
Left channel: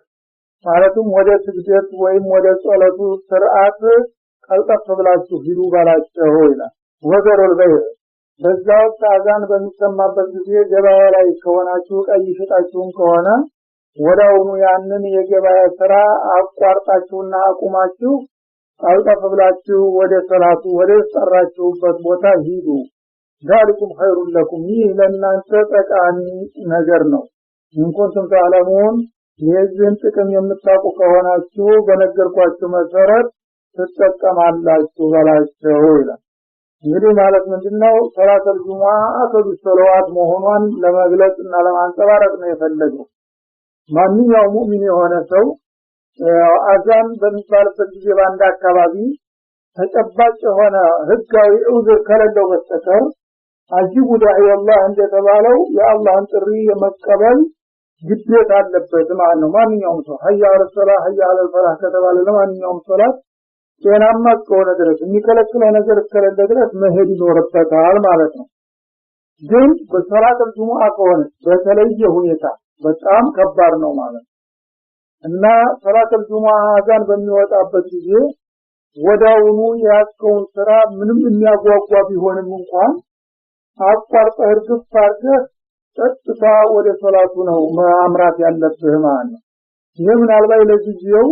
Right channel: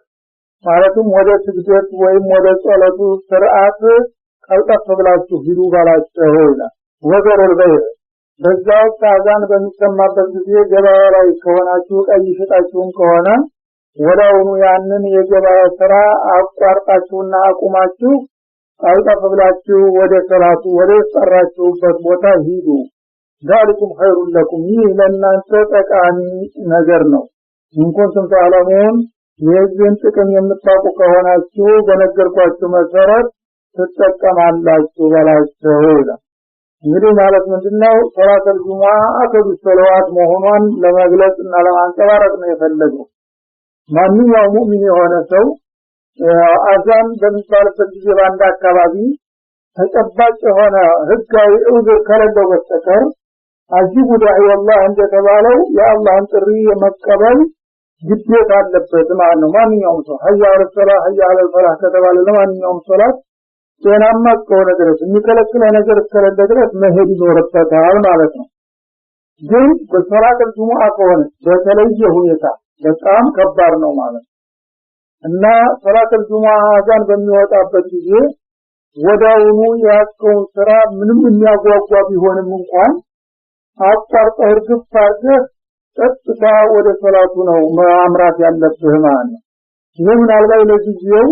ማለትም ወደ ስግደት ወይም ወደ ጸሎቱ ስርዓት ቀልጠፍ ብላችሁ ሂዱ ባላችሁ ይላል ወገረል በይ በዛው አዛን በሚሰማበት ጊዜ ገበያ ላይ ከሆናችሁ ቀይ ሽጣችሁም ከሆነ ወዳውኑ ያንን የገበያ ስራ አቋርጣችሁና አቁማችሁ ቀልጠፍ ብላችሁ ወደ ሰላቱ ወደ ሰራችሁበት ቦታ ሂዱ ذلكم خير لكم ይህ ለእናንተ ጠቃሚ ነገር ነው እንኳን ተዓለሙን የዚህን ጥቅም የምታውቁ ከሆናችሁ በነገርኳችሁ መሰረት ትጠቀማላችሁ በላቸው ይላል እንግዲህ ማለት ምንድነው ሶላተል ጁሙዓ አከዱ ሶላት መሆኗን ለመግለጽና ለማንጸባረቅ ነው የፈለገው ማንኛውም ሙእሚን የሆነ ሰው አዛን በሚባልበት ጊዜ በአንድ አካባቢ ተጨባጭ የሆነ ህጋዊ ዑዝር ከሌለው በስተቀር አጂቡ ዳዒ ወላህ እንደተባለው የአላህን ጥሪ የመቀበል ግዴታ አለበት ማለት ነው ማንኛውም ሰው ሀያ አለ ሶላህ ሀያ አለ ሶላህ ከተባለ ለማንኛውም ሶላት ጤናማ ከሆነ ድረስ የሚከለክለው ነገር እስከሌለ ድረስ መሄድ ይኖርበታል ማለት ነው ግን በሶላት ጁሙዓ ከሆነ በተለየ ሁኔታ በጣም ከባድ ነው ማለት እና ሶላት ጁሙዓ አዛን በሚወጣበት ጊዜ ወዳውኑ ያስከውን ስራ ምንም የሚያጓጓ ቢሆንም እንኳን አጣርጠህ እርግፍ አድርገህ ቀጥታ ወደ ሶላቱ ነው ማምራት ያለብህ ማለት ነው ይህ ምናልባት ለጊዜው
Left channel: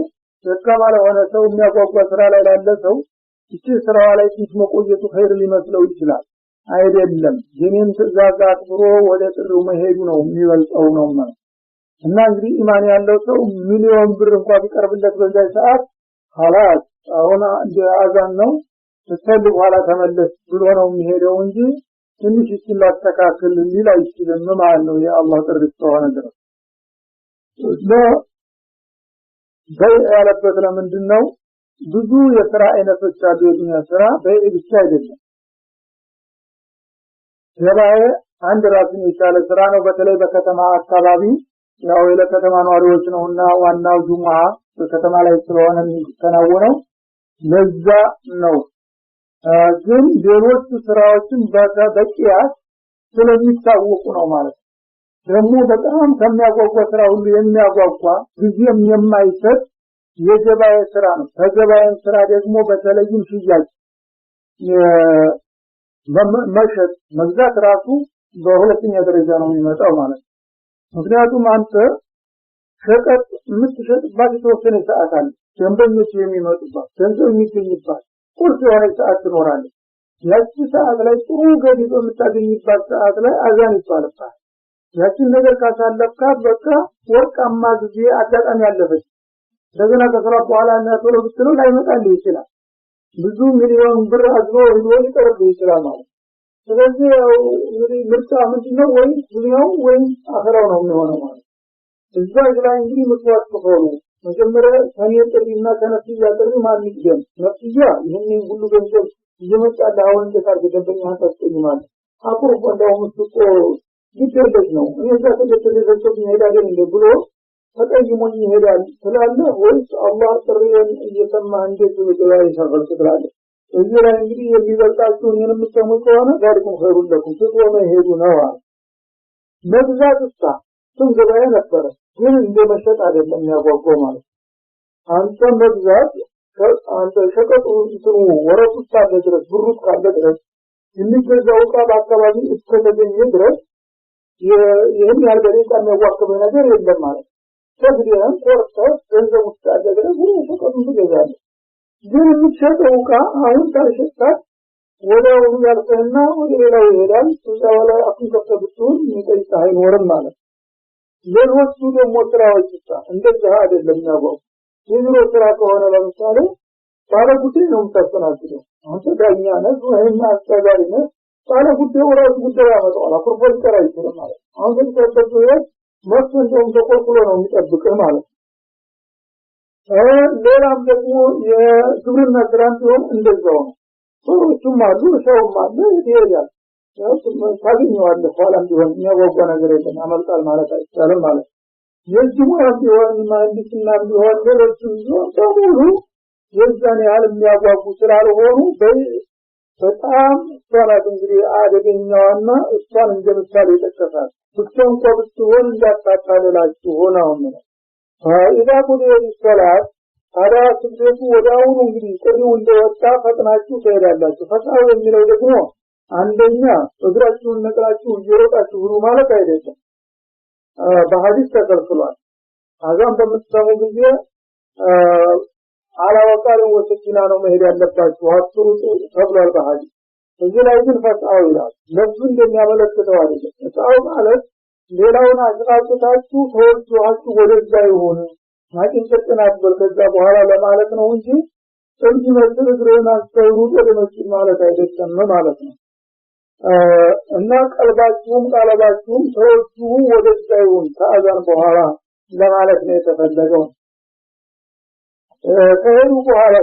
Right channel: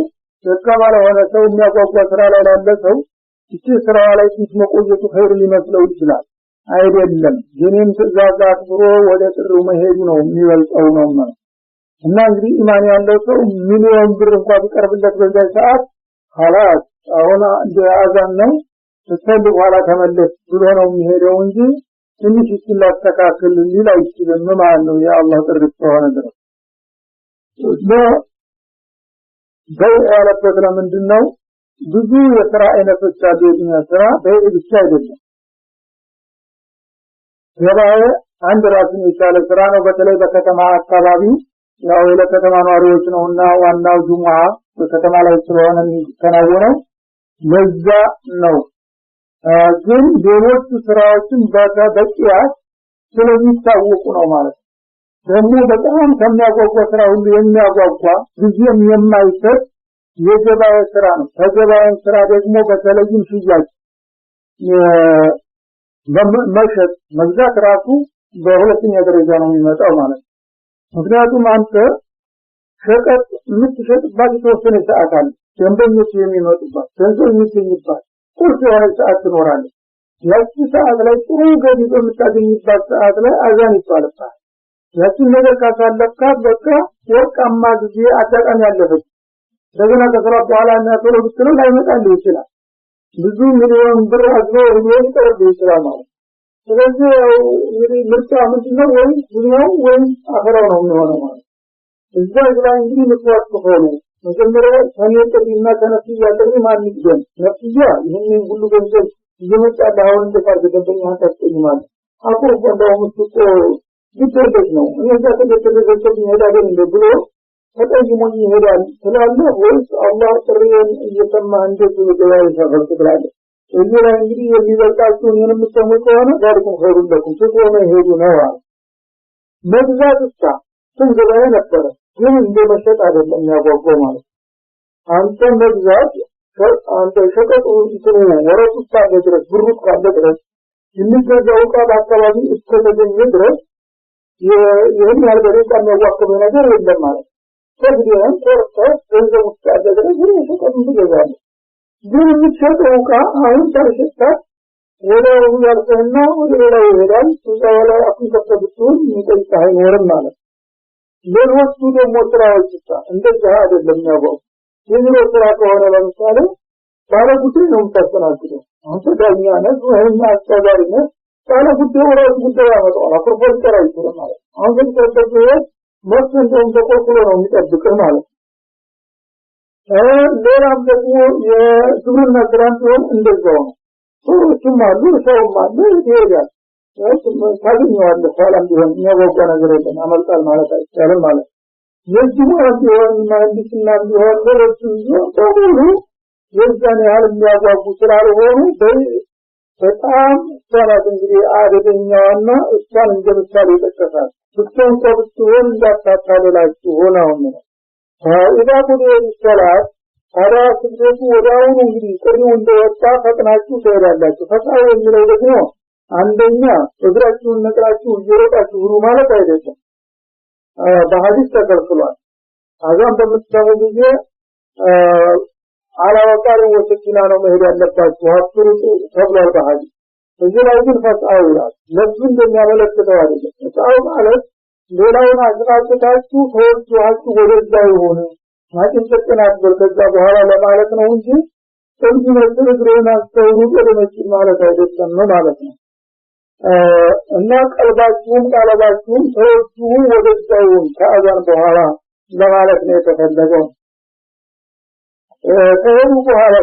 ደካማ ለሆነ ሰው የሚያጓጓ ስራ ላይ ላለ ሰው እቺ ስራ ላይ ትንሽ መቆየቱ ኸይር ሊመስለው ይችላል አይደለም የኔን ትእዛዝ አክብሮ ወደ ጥሪው መሄዱ ነው የሚበልጠው ነው እና እንግዲህ ኢማን ያለው ሰው ሚሊዮን ብር እንኳን ቢቀርብለት በዛ ሰዓት خلاص አሁን አዛን ነው ተሰልፎ ኋላ ተመለስ ብሎ ነው የሚሄደው እንጂ ትንሽ ይላስተካከል ሊል አይችልም ማለት ነው የአላህ ጥሪ ስለሆነ ድረስ በያለበት ለምንድነው ብዙ የሥራ አይነቶች አሉ የዱንያ ስራ በእብቻ አይደለም ገበያ አንድ ራሱን የቻለ ስራ ነው በተለይ በከተማ አካባቢ ያው ለከተማ ነዋሪዎች ነውና ዋናው ጁሙዓ በከተማ ላይ ስለሆነ የሚከናወነው ለዛ ነው ግን ሌሎች ስራዎችን በቂያት ስለሚታወቁ ነው ማለት ደግሞ በጣም ከሚያጓጓ ስራ ሁሉ የሚያጓጓ ጊዜም የማይሰጥ የገበያ ስራ ነው ከገበያ ስራ ደግሞ በተለይም ሽያጭ መሸጥ መግዛት ራሱ በሁለተኛ ደረጃ ነው የሚመጣው ማለት ምክንያቱም አንተ ሸቀጥ የምትሸጥባት የተወሰነ ሰዓት አለ ደንበኞች የሚመጡባት ገንዘብ የሚገኝባት ቁርጥ የሆነ ሰዓት ትኖራለች ያቺ ሰዓት ላይ ጥሩ ገቢ በምታገኝባት ሰዓት ላይ አዛን ይባላል ያቺን ነገር ካሳለፍካት በቃ ወርቃማ ጊዜ አጋጣሚ ያለበት እንደገና ከሰራ በኋላ እና ቶሎ ብትለው ላይመጣልህ ይችላል ብዙ ሚሊዮን ብር አዝነው ይቀርብ ይችላል ማለት ስለዚህ እንግዲህ ምርጫ ምንድነው ወይ ዱንያው ወይ አኸራው ነው የሚሆነው ማለት እዛ ላይ እንግዲህ ምክንያት ሆኖ መጀመሪያ ከነጥሪና ከነፍያ ጥሪ ማን ይገኝ ነፍያ ይሄንን ሁሉ ገንዘብ እየመጣ አሁን እንደታርገ ደንበኛ ታስቀይማል አቁር እንደው ምትቆ ግዴለሽ ነው እነዛ ተደረገበት ይሄዳል እንደ ብሎ ተጠይሞኝ ይሄዳል ስላለ ወይስ አላህ ጥሪውን እየሰማ እንደዚህ ወደላይ ሰፈር ትላለ እዚህ ላይ እንግዲህ የሚበልጣችሁን የምትሰሙ ከሆነ ዛሬም ኸይሩለኩም ትቆመ ይሄዱ ነው መግዛት እስታ ትንገበያ ነበረ ግን እንደመሸጥ አይደለም ያጓጓው ማለት አንተ መግዛት አንተ ሸቀጡ እንትኑ ወረቱ ታለ ድረስ ብሩ ካለ ድረስ የሚገዛው ዕቃ በአካባቢ እስከተገኘ ድረስ ይህን ያልበሬ የሚያጓጓው ነገር የለም ማለት ተግዲያን ተርፈህ ገንዘብ ውስጥ ያለ ድረስ ግን ሸቀጡ ትገዛለህ ግን የምትሸጠው ዕቃ አሁን ታልሸጣት ወደ ያልተና ወደ ሌላ ይሄዳል ወደ አፍን ተከብቱን የሚጠይቅ አይኖርም ማለት ለሮቹ ደግሞ ስራዎች እንደዛ አይደለም ያባው የዚህ ስራ ከሆነ ለምሳሌ ባለ ጉዳይ ነው የምታስተናግደው አንተ ዳኛ ነህ ወይም አስተዳዳሪ ነህ ባለ ጉዳይ ወራጅ ጉዳይ ያመጣው አፍርፎል ተራ ይችላል ማለት አሁን ግን ተጠቅመህ መስሎን ተቆርቆሮ ነው የሚጠብቀው ማለት ሌላም ደግሞ የግብርና ስራን ቢሆን እንደዛው ነው ሰዎችም አሉ ሰውም አለ ይሄዳል ታገኘዋለህ ኋላም ቢሆን የሚያጓጓ ነገር የለም አመልጣል ማለት አይቻልም ማለት የዚህ ማለት ቢሆን ማንዲስና ቢሆን ሌሎች በሙሉ የዛን ያህል የሚያጓጉ ስላልሆኑ በጣም ሰላት እንግዲህ አደገኛዋና እሷን እንደምሳሌ ይጠቀሳል ብቻውን ብትሆን እንዳታታለላችሁ ሆነውን ነው ኢዛ ቁዲየ ሰላት ታዲያ ስግደቱ ወዲያውኑ እንግዲህ ጥሪው እንደወጣ ፈጥናችሁ ትሄዳላችሁ ፈጣው የሚለው ደግሞ አንደኛ እግራችሁን ነቅላችሁ እየሮጣችሁ ሁሉ ማለት አይደለም በሐዲስ ተከልክሏል አዛን በምትሰሙ ጊዜ አላወቃሪ ወጥቂና ነው መሄድ ያለባችሁ አፍሩ ተብሏል በሐዲስ እዚህ ላይ ግን ፈጣው ይላል ለምን እንደሚያመለክተው አይደለም ፈጣው ማለት ሌላውን አዝራጭታችሁ ተወጥቷችሁ ወደዛ ይሆኑ ማጥንጨናት በዛ በኋላ ለማለት ነው እንጂ እንጂ ነገር ግሬና ሰውሩ ወደመጭ ማለት አይደለም ነው ማለት ነው እና ቀልባችሁም ቃላባችሁም ተወጡ ወደዛ ይሆኑ ከአዛን በኋላ ለማለት ነው የተፈለገው ከሄዱ በኋላ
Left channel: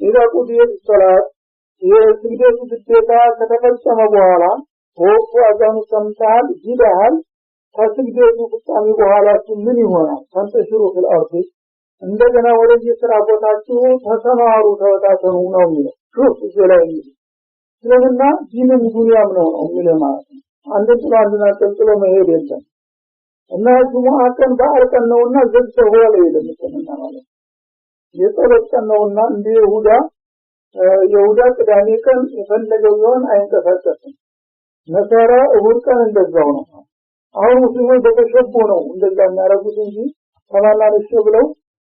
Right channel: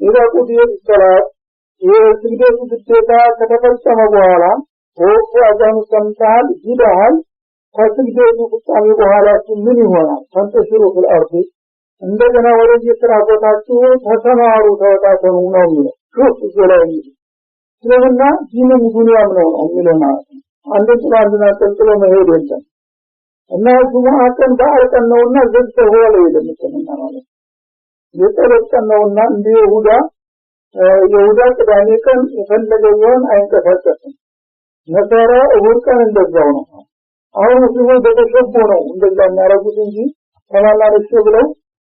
ኢዛ ቁዲየ ሰላት የስግደቱ ግዴታ ከተፈጸመ በኋላ ወቅቱ አዛኑ ሰምተሃል ሂደሃል ከስግደቱ ፍጻሜ በኋላ ምን ይሆናል ተንተሽሩ ፍልአርድ እንደገና ወደ የሥራ ቦታችሁ ተሰማሩ ተወጣተኑ ነው የሚለው ሹፍ ይዘላል ስለሆነ ዲንም ዱንያም ነው የሚለው ማለት ነው አንድና ተንጥሎ መሄድ የለም እና ጁሙአ ቀን በዓል ቀን ነውና ዘግተው ሆለ የለምትና ማለት የተለቀን ነውና እንደ ይሁዳ ቅዳሜ ቀን የፈለገውን አይንቀሳቀስም ነሳራ እሁድ ቀን እንደዛው ነው አሁን ሙስሊሞች በተሸቦ ነው እንደዛ የሚያረጉት እንጂ ተማላልሽ ብለው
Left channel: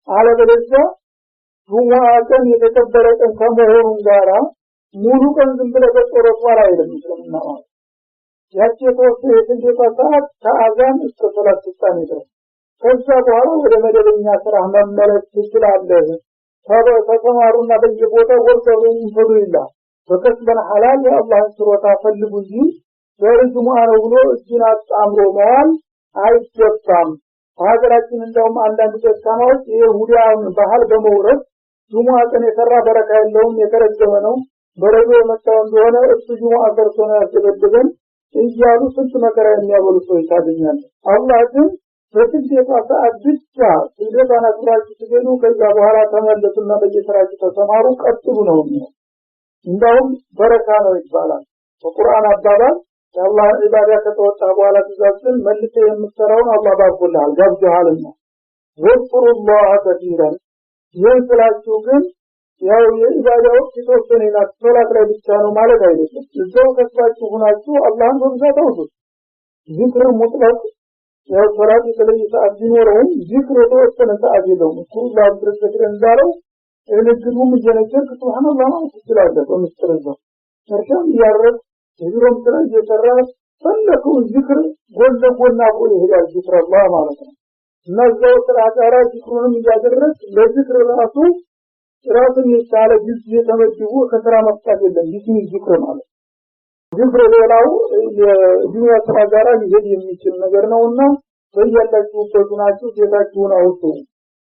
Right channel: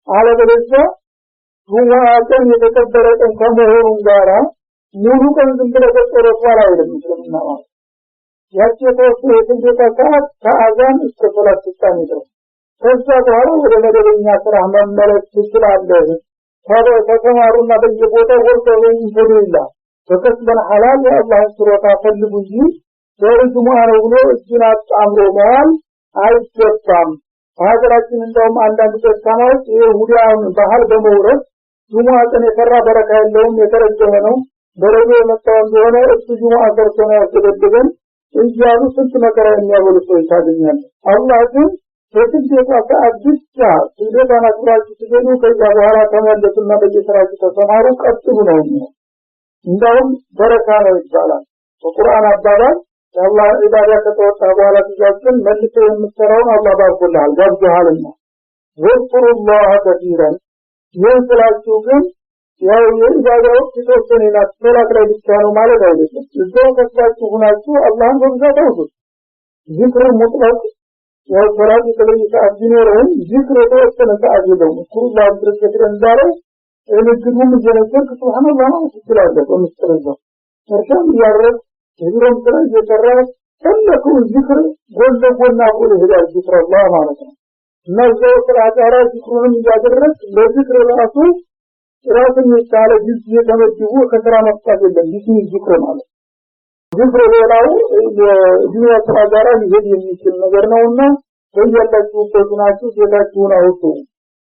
አለበለዚያ ጁሙአ ቀን የተከበረ ቀን ከመሆኑ ጋራ ሙሉ ቀን ዝም ብለው ተቆረጧል አይደለም ስለምናው ያቺ የተወሰነ ሰዓት ከአዛን እስከ ሶላት ፍጻሜ ድረስ ከዛ በኋላ ወደ መደበኛ ስራ መመለስ ትችላለህ ታዲያ ተከማሩና በየቦታው ወርደው ይፈዱላ በከስበን ሐላል የአላህ ስሮታ ፈልጉ እንጂ ወርጁሙአ ነው ብሎ እጅን አጣምሮ ማል አይገባም ሀገራችን እንደውም አንዳንድ ተስካማዎች የይሁዳውን ባህል በመውረድ ጁሙአ ቀን የሰራ በረካ የለውም የተረገመ ነው በረዶ የመጣው እንደሆነ እሱ ጁሙአ ሰርቶ ነው ያስገደደን እያሉ ስንት መከራ የሚያበሉ ሰዎች ታገኛለህ አላህ ግን በትግዴታ ሰዓት ብቻ ትግዴታና ስራችሁ ትገኙ ከዛ በኋላ ተመለሱና በየስራችሁ ተሰማሩ ቀጥሉ ነው እንደውም በረካ ነው ይባላል በቁርአን አባባል አላህ ኢባዳ ከተወጣ በኋላ ትዛዝን መልሶ የምትሰራውን አላህ ባርኮልሃል ገብቶሃልና ወስሩላህ ከثيرا የስላችሁ ግን ያው የኢባዳው የተወሰነና ሶላት ላይ ብቻ ነው ማለት አይደለም እዛው ከስራችሁ ሆናችሁ አላህን በብዛት አውቁት ዚክር ሙጥለቅ ወሶላት የተለየ ሰዓት ቢኖረውም ዚክር የተወሰነ ሰዓት የለውም ኩላህ ድረስ እንዳለው እንግዲሁም እየነገርክ ሱብሃንአላህ ነው ትላለህ በምስጥረው እርሻም ያረግ የቢሮም ስራ እየሰራ ተለኩ ዚክር ጎልጎና ጎል ይሄዳል ዚክር አላህ ማለት ነው እና እዛው ስራ ጋራ ዚክሩን እያደረግ ለዚክር ራሱ ራስን የቻለ ጊዜ ተመድቦ ከስራ መፍታት የለም ቢስሚ ዚክር ማለት ዚክር ሌላው የዱንያ ስራ ጋራ ሊሄድ የሚችል ነገር ነውና በየላችሁ ተናችሁ ጌታችሁን አውጡ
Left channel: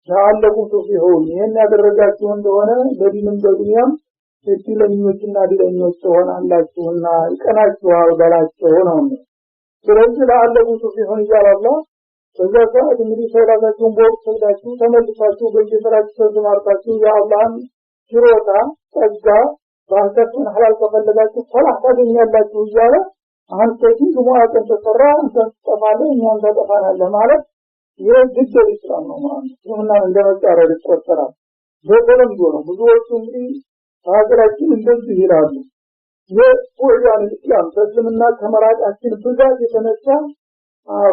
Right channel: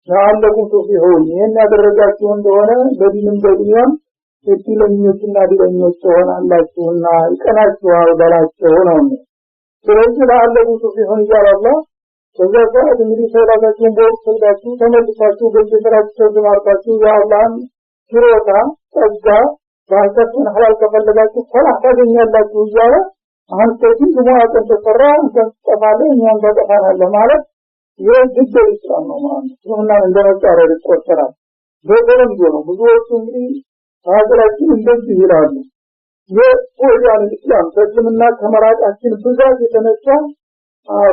ለአለኩም ተፊሁን ይሄን ያደረጋችሁ እንደሆነ በዲንም በዱንያም እድለኞችና ድለኞች ሆናላችሁና ይቀናችኋል በላቸው ነው ስለዚህ ለአለኩም ተፊሁን ይላል አላህ ከዛ ሰዓት እንግዲህ ሰላታችሁን በወቅቱ ተመልሳችሁ በየስራችሁ ተማርታችሁ የአላህን ችሮታ ጸጋ ባሰፈን ሐላል ከፈለጋችሁ ሰላህ ታገኛላችሁ እያለ አንተ ግን ጁማዓን ተፈራ አንተን ተጠፋለህ እኛን ተጠፋናለህ ማለት የግድ ኢስላም ነው ማለት ነው። እና እንደመጣረድ ይቆጠራል። በተለምዶ ነው ብዙዎቹ እንግዲህ ሀገራችን እንደዚህ ይላሉ። የቁርአን ኢስላም ከስምና ከመራቃችን ብዛት የተነሳ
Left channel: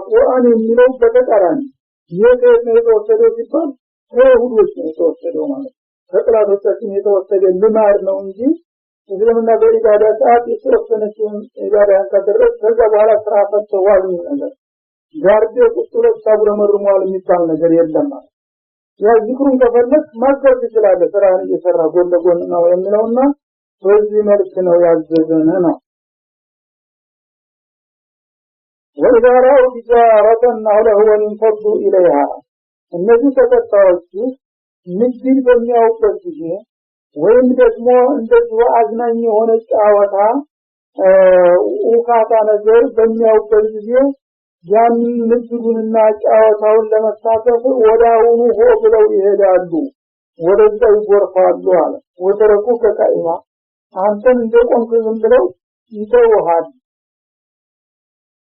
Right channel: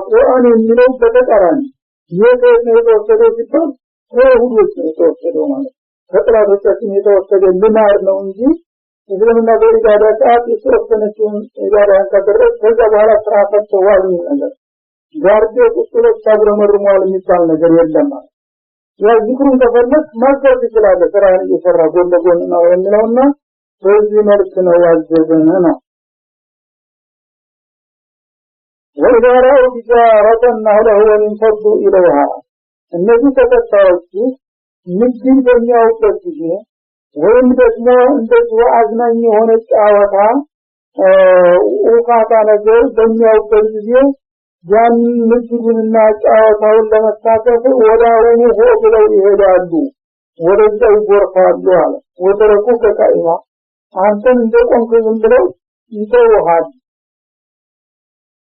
ቁርአን የሚለው በተቃራኒ የተወሰደው ሲባል ከይሁዶች ነው የተወሰደው ማለት ከጥላቶቻችን የተወሰደ ልማድ ነው እንጂ እስልምና በኢባዳ ሰዓት የተወሰነችውን ኢባዳን ካደረግ ከዛ በኋላ ስራ ፈተዋል ነገር ጋርዴ ቁጥሎች ታብረመርሟል የሚባል ነገር የለም ማለት ያ ዚክሩን ተፈለክ ማድረግ ይችላል ስራን እየሰራ ጎን ለጎን ነው የሚለውና በዚህ መልክ ነው ያዘዘን ነው። وإذا رأوا تجارة أهله وانفضوا إليها እነዚህ ተከታዮች ንግድን በሚያውቁበት ጊዜ ወይም ደግሞ እንደዚህ አዝናኝ የሆነ ጫወታ ውካታ ነገር በሚያውቁበት ጊዜ ያን ንግድንና ጫወታውን ለመሳተፍ ወዳውኑ ሆ ብለው ይሄዳሉ ወደዛ ይጎርፋሉ አለ። ወተረኩ ከቃኢማ አንተን እንደቆምክ ዝም ብለው ይተውሃል።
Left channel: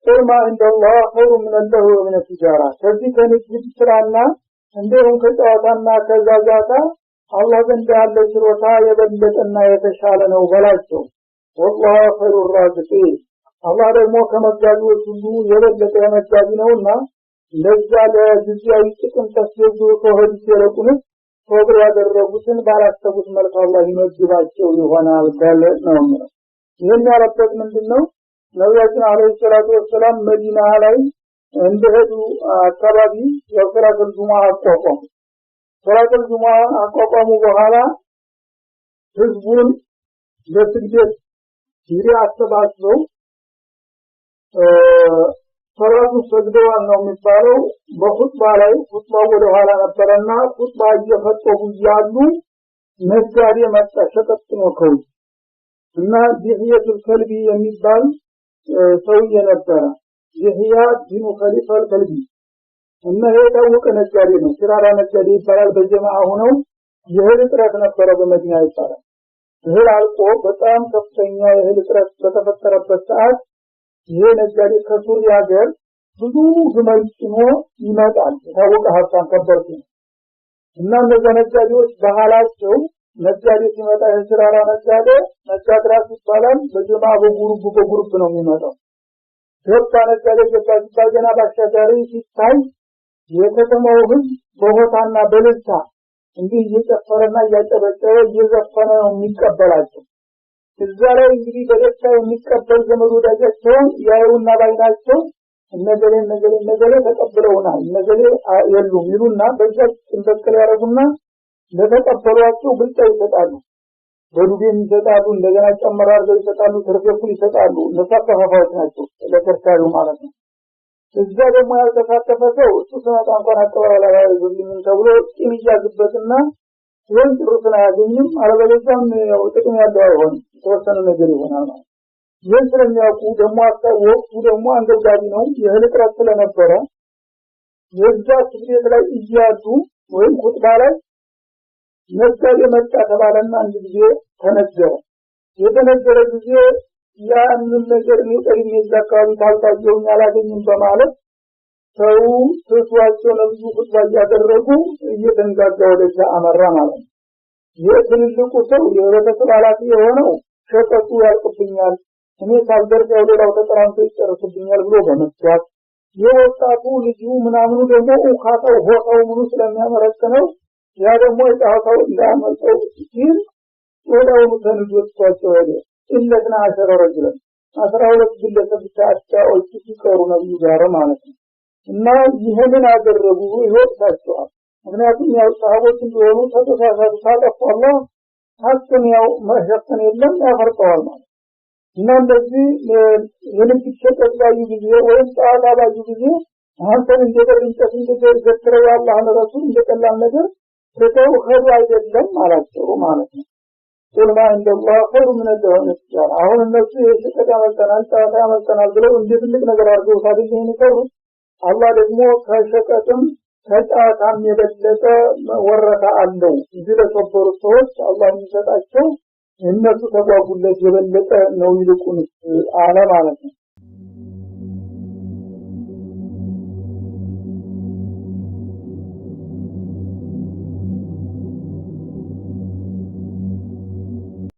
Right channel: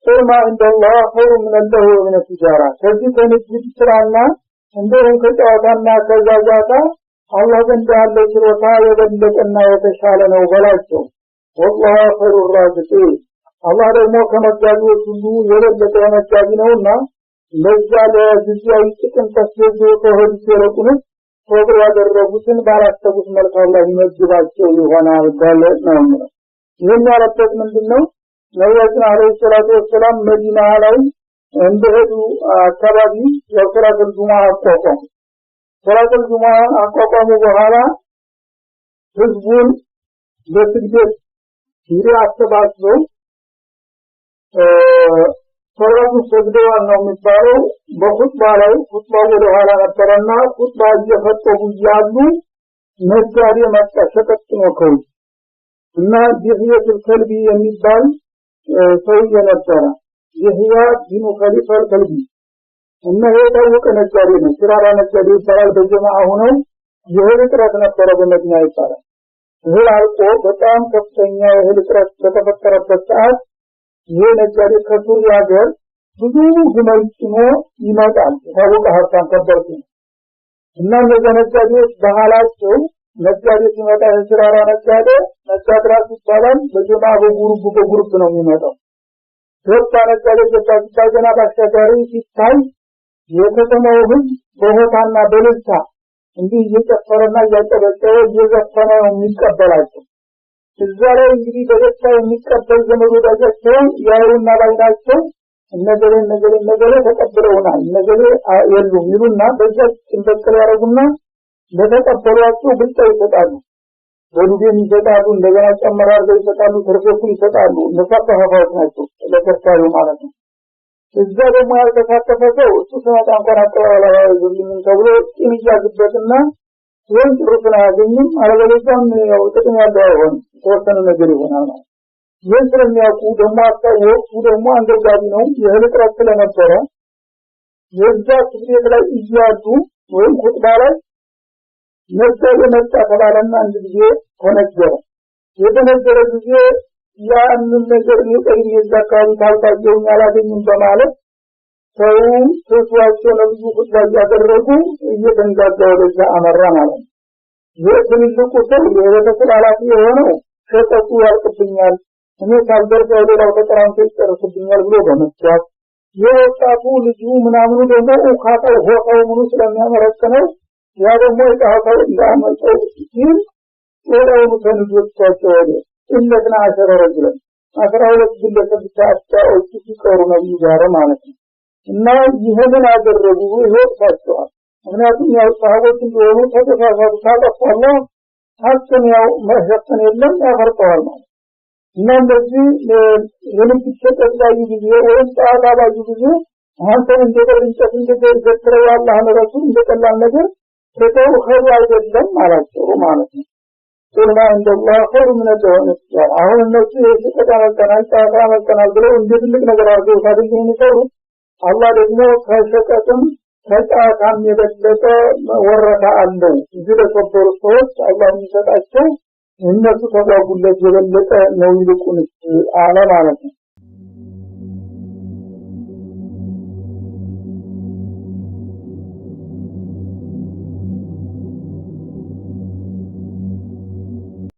ቁልማ እንደላህ ኸይሩ ምን አላህ ወምን ትጃራ ከዚህ ከንግድ ስራና እንደውም ከጫወታና ከዛዛታ አላህ ዘንድ ያለው ችሮታ የበለጠና የተሻለ ነው በላቸው። ወላሁ ኸይሩ ራዚቂን አላህ ደግሞ ከመጋቢዎች ሁሉ የበለጠ መጋቢ ነውና ለዛ ለጊዜያዊ ጥቅም ተስበው ከሆድ ሲለቁን ሶብር ያደረጉትን ባላሰቡት መልኩ አላህ ይመግባቸው ይሆናል ማለት ነው። ይህን ያለበት ምንድነው? ነብያችን አለይሂ ሰላቱ ወሰላም መዲና ላይ እንደሄዱ አካባቢ የሶላቱል ጁሙዓ አቋቋሙ። ሶላቱል ጁሙዓ አቋቋሙ በኋላ ህዝቡን ለስግደት አሰባስበው ሶላቱ ሰግደዋል ነው የሚባለው። በኹጥባ ላይ ኹጥባው ወደ ኋላ ነበረና ኹጥባ እየፈጠሩ እያሉ ነጋዴ መጣ ሸቀጥ ነው ከው እና ዲህየቱል ከልቢ የሚባል ሰውዬ ነበረ። ይህያ ቢኑ ኸሊፋል ከልቢ እና የታወቀ ነጋዴ ነው። ስራራ ነጋዴ ይባላል። በጀማዓ ሆነው የእህል እጥረት ነበረ በመዲና ይባላል። እህል አልቆ በጣም ከፍተኛ የእህል እጥረት በተፈጠረበት ሰዓት ይህ ነጋዴ ከሱሪያ ሀገር ብዙ ግመል ጭኖ ይመጣል። የታወቀ ሀብታም ከበርቱ እና እነዚህ ነጋዴዎች ባህላቸው ነጋዴ ሲመጣ የስራራ ነጋዴ ነጋድራስ ይባላል። በጀማዓ በጉሩፕ ነው የሚመጣው። ወጣ ነጋዴ ገና ባሻጋሪ ሲታይ የከተማው ህዝብ በሆታና በልልታ እንዲህ እየጨፈረና እያጨበጨበ እየዘፈነ የሚቀበላቸው እዛ ላይ እንግዲህ በደስታ የሚቀበል ዘመድ ወዳጃቸው ያዩና ባይናቸው ነገሌ ተቀብለውናል ነገሌ የሉም ይሉና በዛ እንበቀል ያረጉና ለተቀበሏቸው ብልጫ ይሰጣሉ። በዱቤም ይሰጣሉ፣ እንደገና ጨመራር ይሰጣሉ፣ ተርፎኩል ይሰጣሉ። ለተሳተፈው ናቸው ለተርፋሪ ማለት ነው። እዛ ደግሞ ያልተሳተፈ ሰው እሱ ሰማታ እንኳን አቀባበላ ይዝልኝ ተብሎ ጭን ይያዝበትና ወይም ጥሩትን አያገኝም። አለበለዚያም ያው ጥቅም ያለው አይሆን ተወሰነ ነገር ይሆናል ማለት ይህን ስለሚያውቁ ደግሞ ወቅቱ ደግሞ አንደጋቢ ነው። የእህል እጥረት ስለነበረ የዛ ስግደት ላይ እያሉ ወይም ኹጥባ ላይ ነጋዴ መጣ ተባለና አንድ ጊዜ ተነገረ። የተነገረ ጊዜ ያንን ነገር የቀኝ የዛካሪ ታልታየው ያላገኝም በማለት ሰው ተስዋቸው ነብዩ ኹጥባ ያደረጉ እየተንጋጋ ወደዛ አመራ ማለት ነው። የትልቁ ሰው የቤተሰብ ኃላፊ የሆነው ሸቀጡ ያልቅብኛል እኔ ሳልደርሰው ሌላው ተቀራንቶ ይጨርስብኛል ብሎ በመስዋዕት የወጣቱ ልጁ ምናምኑ ደግሞ ኡኻታው ሆታው ምኑ ስለሚያመረክነው ያ ደግሞ የታውቀው እንዳመጣው ሲል ወዳው ከልጆቻቸው ወደ ኢለና አሸረረጅለን 12 ግለሰብ ታጣዎች ሲቀሩ ነው ይዛረ ማለት ነው። እና ይሄንን አደረጉ ይወጣቸዋል። ምክንያቱም ያው ሰሃቦች እንደሆኑ ተተሳሳቱ ታጠፋለ ሀሰን ያው መሸፈን የለም ያፈርጠዋል ማለት እና እንደዚህ የልብ ተቀጣዩ ጊዜ ወይም ጣላባዩ ጊዜ አንተን እንደደረንጨት እንደዘክረው ያላህ ረሱል እንደቀላል ነገር ተተው ኸይር አይደለም አላቸው ማለት ነው። ቁልማ እንደላህ ኸይሩ ምን እንደሆነ አሁን እነሱ የተቀጣቀናል ብለው እንደ ትልቅ ነገር አድርገው ታድርገው ይሰሩ አላህ ደግሞ ከሸቀጥም ከጫታም የበለጠ ወረታ አለው እዚህ ለተበሩ ሰዎች አላህ የሚሰጣቸው እነሱ ተጓጉለት የበለጠ ነው ይልቁንስ አለ ማለት ነው